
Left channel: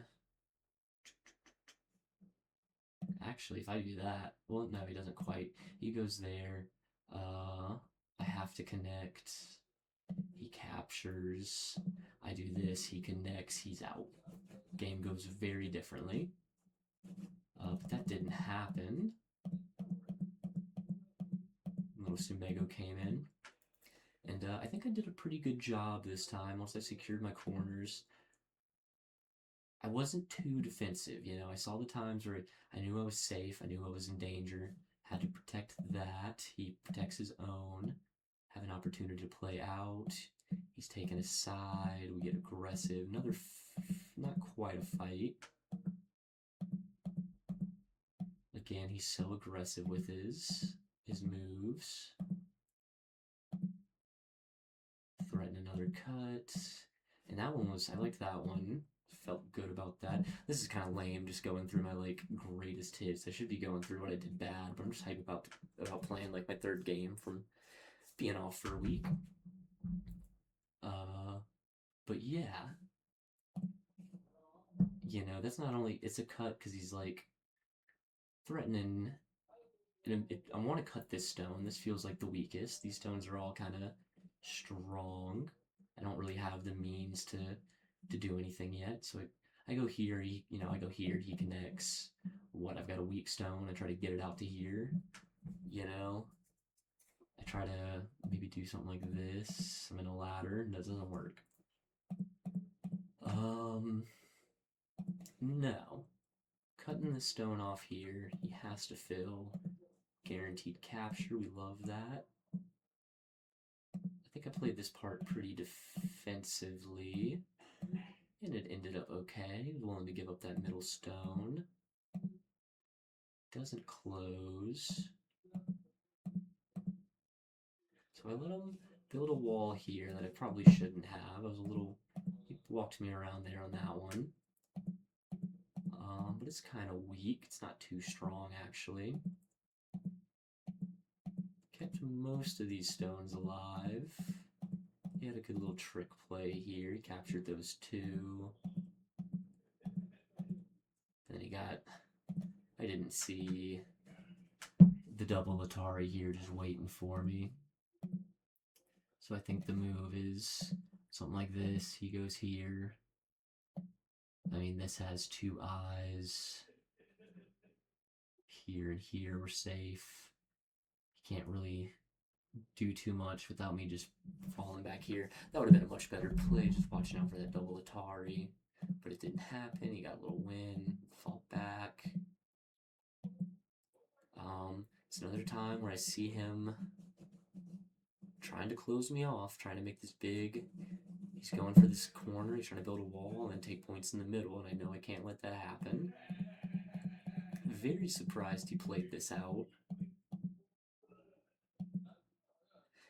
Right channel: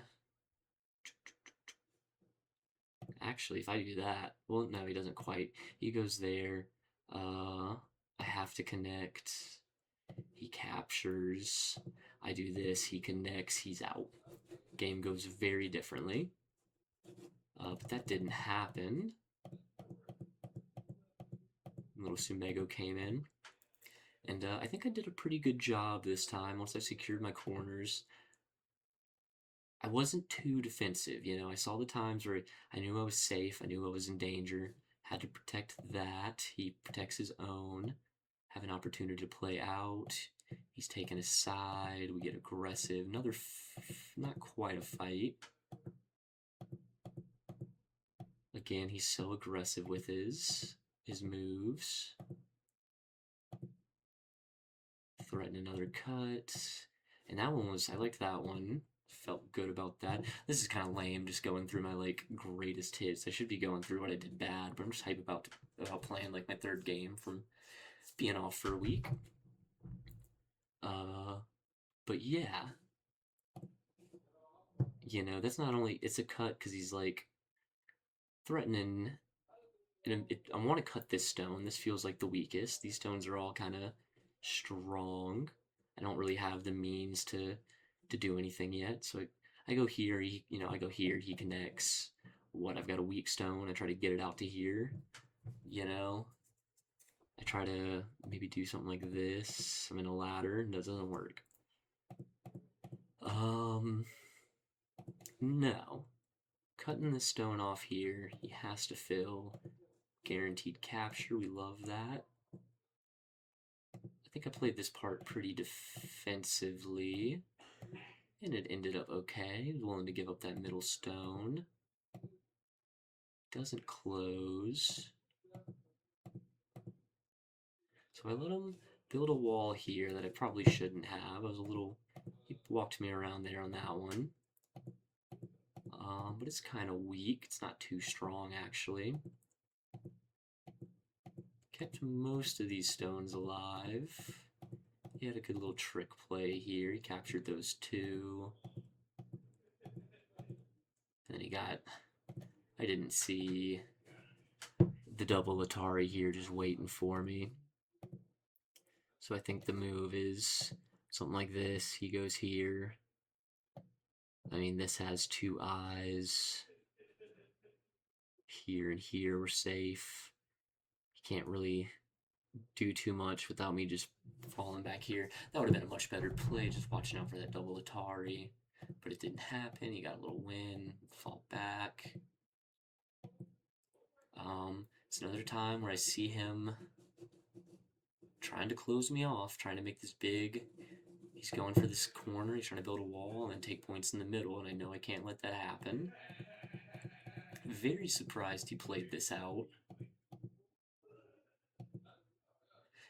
Actually, if I do that... Well, no, he doesn't quite. He goes there. I have to connect. He captures. I do this. He connects. He's out. Game goes very differently. But that didn't happen. Little Sumego came in. And I think I did a pretty good job this time once I secured my corners. I wasn't too defensive, you know. I saw the times where I knew I was safe, I knew I was in danger, had to protect that. He protects his own, have an opportunity to play out. He's taken his side, we get aggressive. Another, not quite a fight. Again, he's so aggressive with his moves. Threaten another cut. And that one was, I liked that one. Felt good about that. This is kind of lame, just going through my like greatest hits. I should be going through what I did bad, but I'm just hyped about playing like my third game from being off for a week. But yeah, you know, that's not only it's a cut because he's like threatening. I want to cut this stone. This feels like the weakest. These stones are all kind of strong. I don't really have the means to do anything yet. So I go here. I go here. He connects. What? I've got a weak stone. I try to get it out to here. You know, I try to maybe do something like this. I'm in a ladder. And that doesn't work. No. Cutting the stone off here. He has to fill. Guaranteed capture. We love that. I think I played this part pretty defensively, and it ended up okay. He was willing to give up that middle stone. Doesn't close. So I let him build a wall here that I probably shouldn't have. He walked me around there on that one. But it's kind of weak. It's not too strong, actually. Kept most of these stones alive. He had a good little trick play here. He captured those two. Then I didn't see the double Atari here just waiting for me. So I think the move is something like this. He goes here. I mean, this has two eyes. Here and here we're safe. He can't really do too much without me just falling back here. That would have been a much better play, just watching out for that double Atari. But it didn't happen. He got a little win. Fall back. It's another time where I see him trying to close me off, trying to make this big. He's going for this corner. He's trying to build a wall and then take points in the middle, and I know I can't let that happen. Very surprised he played this out.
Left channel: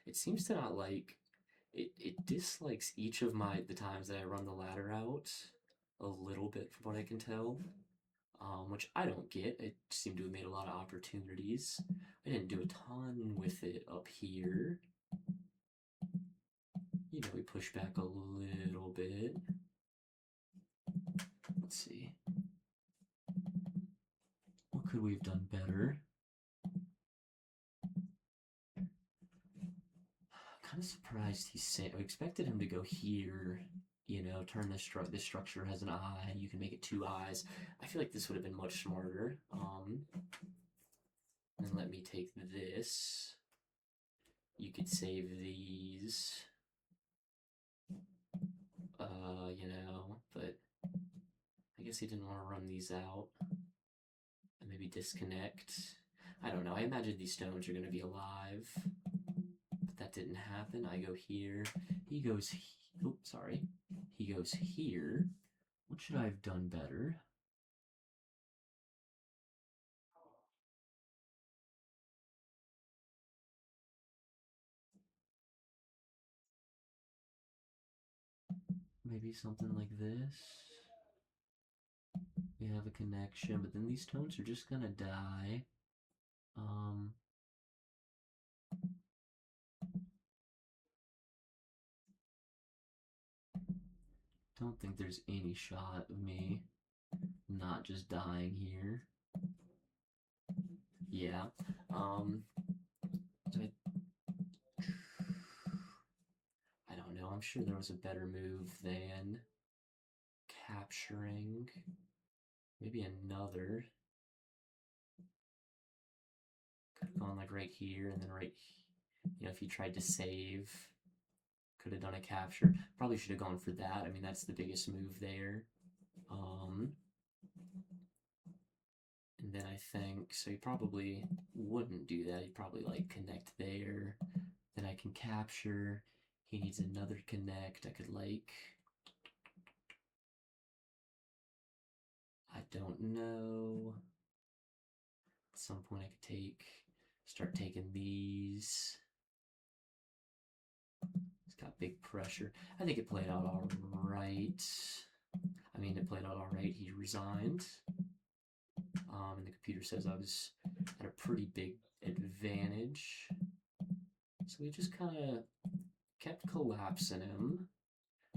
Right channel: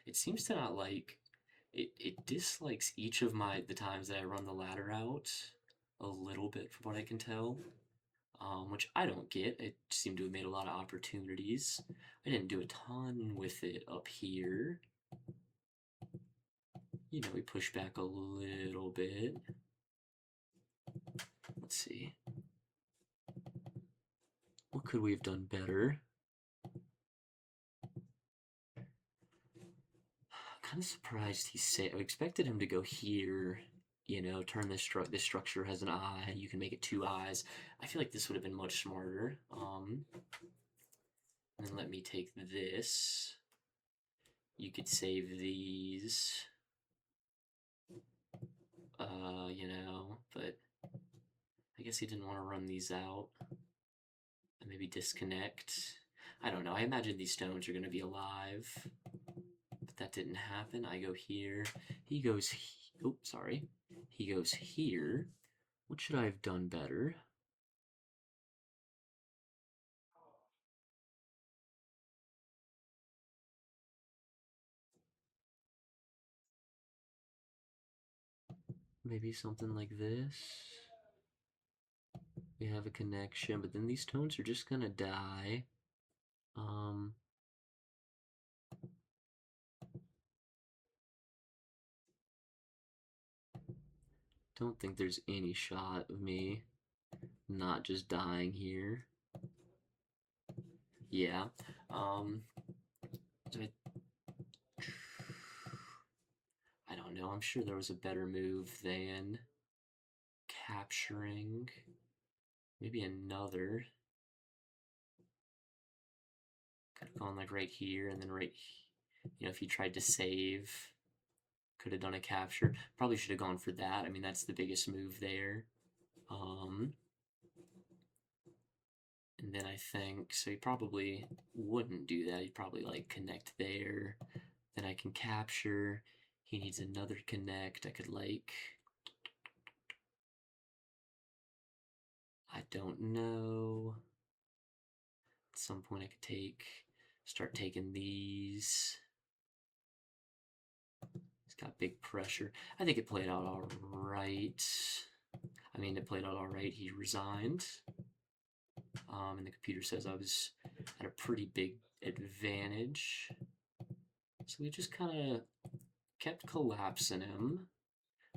It seems to not like it dislikes each of the times that I run the ladder out a little bit from what I can tell. Which I don't get. It seemed to have made a lot of opportunities. I didn't do a ton with it up here. You know, we pushed back a little bit. Let's see. What could we have done better? Kind of surprised I expected him to go here. You know, turn this structure has an eye. You can make it two eyes. I feel like this would have been much smarter. And let me take this. You could save these. You know, but I guess he didn't want to run these out. And maybe disconnect. I don't know. I imagine these stones are going to be alive. But that didn't happen. I go here. He goes sorry. He goes here. What should I have done better? Maybe something like this. We have a connection, but then these stones are just gonna die. Don't think there's any shot of me not just dying here. Yeah. I don't know. I'm sure there was a better move than capturing. Maybe another. Could have gone like right here and then if he tried to save, could have done a capture. Probably should have gone for that. I mean, that's the biggest move there. Um, and then I think, so he probably wouldn't do that. He'd probably like connect there. Then I can capture. He needs another connect. I could like, I don't know. At some point I could start taking these. He's got big pressure. I think it played out all right. I mean, it played out all right. He resigned. And the computer says I was at a pretty big advantage. So we just kind of kept collapsing him.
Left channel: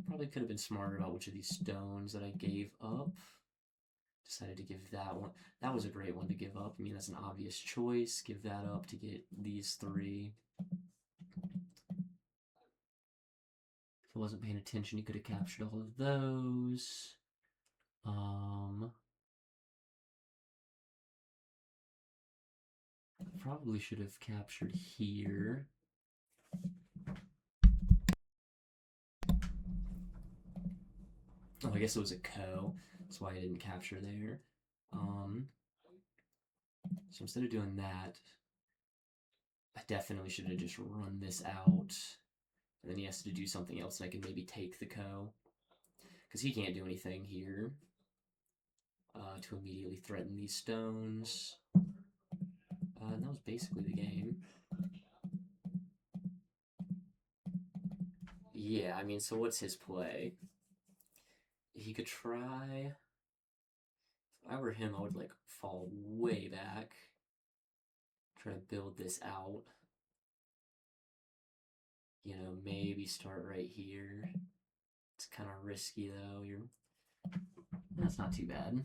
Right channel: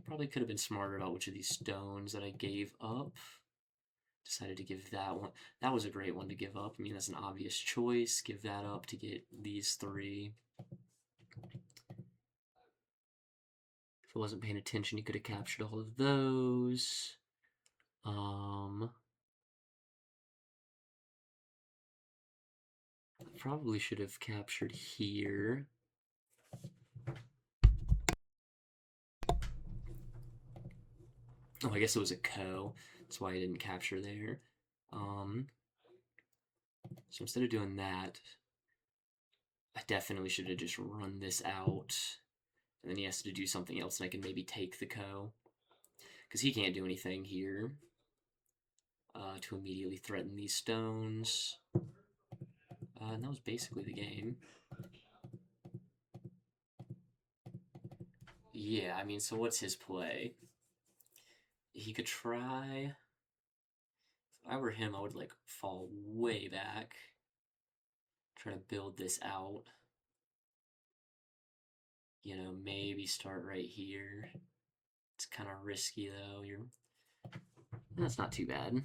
Probably could have been smarter about which of these stones that I gave up. Decided to give that one. That was a great one to give up. I mean, that's an obvious choice. Give that up to get these three. If I wasn't paying attention, you could have captured all of those. I probably should have captured here. Oh, I guess it was a co. That's why I didn't capture there. So instead of doing that, I definitely should have just run this out. And then he has to do something else, and I can maybe take the co. Because he can't do anything here to immediately threaten these stones. And that was basically the game. Yeah, I mean, so what's his play? He could try. If I were him, I would like fall way back. Try to build this out. Maybe start right here. It's kind of risky though. That's not too bad.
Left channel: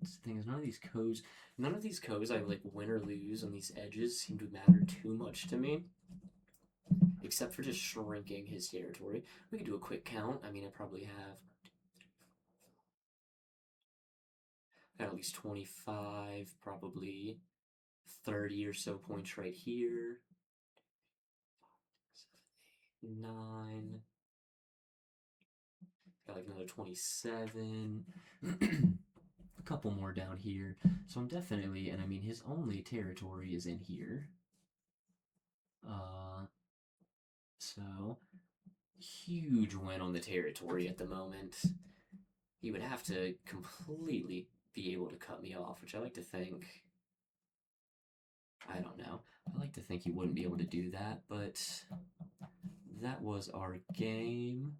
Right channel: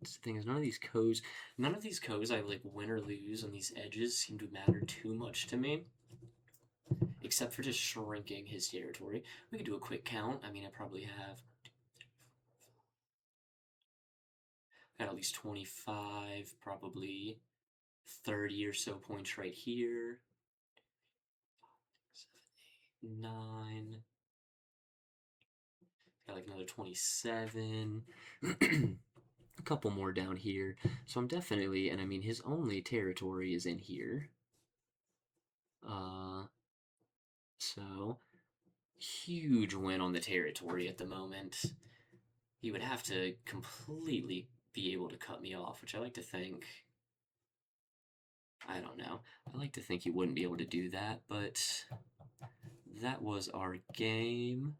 The thing is, none of these codes I like win or lose on these edges seem to matter too much to me. Except for just shrinking his territory. We could do a quick count. I mean, I probably have got at least 25, probably 30 or so points right here. 7, 8, 9. Got like another 27. A couple more down here. So I'm definitely, and I mean, his only territory is in here. So huge win on the territory at the moment. He would have to completely be able to cut me off, which I like to think. I don't know. I like to think he wouldn't be able to do that, but that was our game.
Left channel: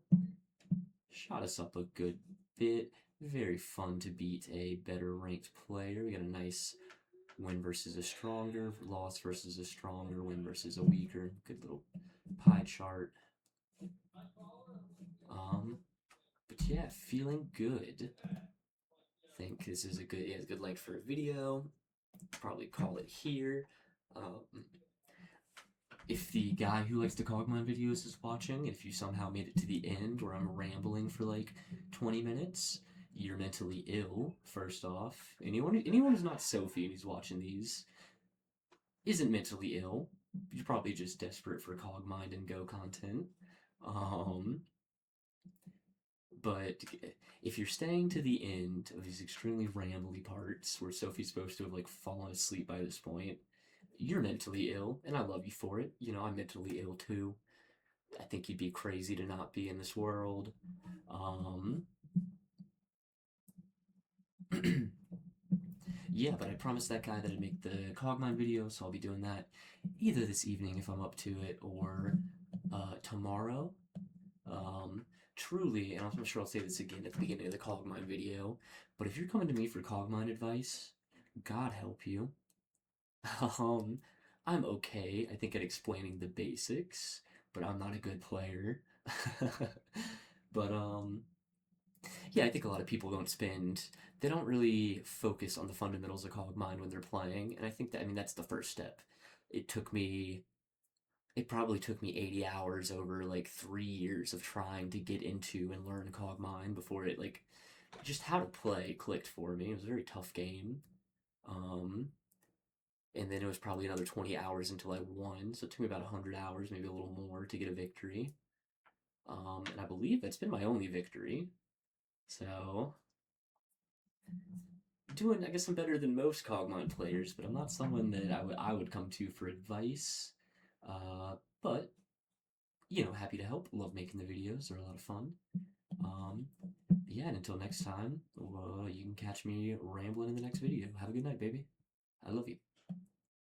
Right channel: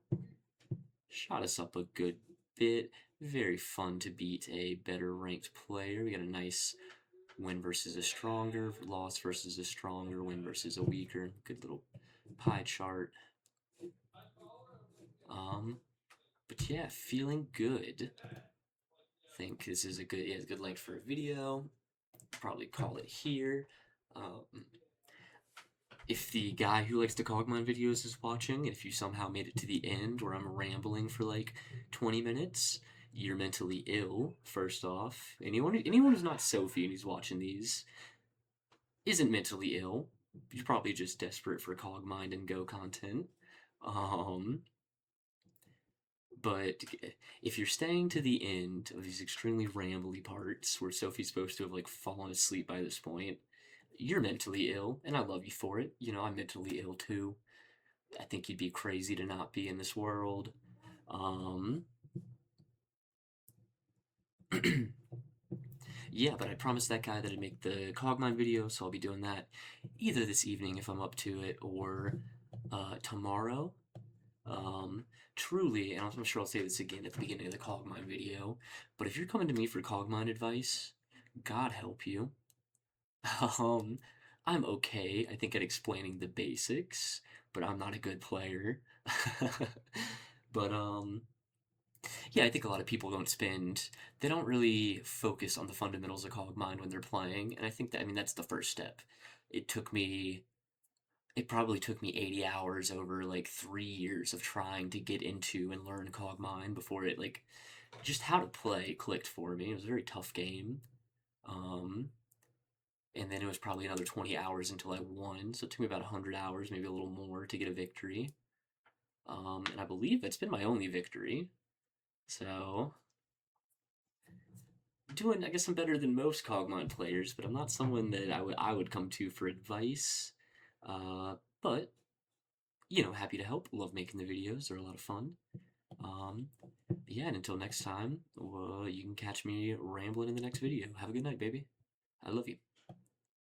Shot us up a good bit. Very fun to beat a better ranked player. We got a nice win versus a stronger, loss versus a stronger, win versus a weaker. Good little pie chart. But yeah, feeling good. Think this is a good length for a video. Probably call it here. If the guy who likes to Cogmine videos is watching, if you somehow made it to the end where I'm rambling for like 20 minutes, you're mentally ill, first off. Anyone who's not Sophie and who's watching these isn't mentally ill. You're probably just desperate for Cogmind and Go content. But if you're staying to the end of these extremely rambly parts where Sophie's supposed to have like fallen asleep by this point, you're mentally ill, and I love you for it. I'm mentally ill too. I think you'd be crazy to not be in this world. Yeah, but I promised that guy that I'd make the Cogmine video, so I'll be doing that either this evening if I'm up to it, or tomorrow. Truly, and I'm sure I'll say this again at the beginning of the Cogmine video, but if you're coming to me for Cogmine advice, God help you. I'm okay, I think, at explaining the basics, but I'm not a good player. But, yeah, I think a lot of people they don't really focus on the fundamentals of Cogmind when they're playing, and I think that, I mean, that's the first step. It took me it probably took me 80 hours over like 3 years of trying to get into and learn Cogmine before it like just how to play clicked for me. It was a very tough game. Um, and then it was probably another 20 hours until I won. So it took me about 100 hours, maybe a little more, to get a victory. And I believe it's been my only victory. So doing, I guess I'm better than most Cogmine players, but I'm not someone that I would come to for advice. But happy to help. Love making the videos; they're a lot of fun. Um, yeah, and until next time, you can catch me rambling in the next video. Have a good night, baby. I love you.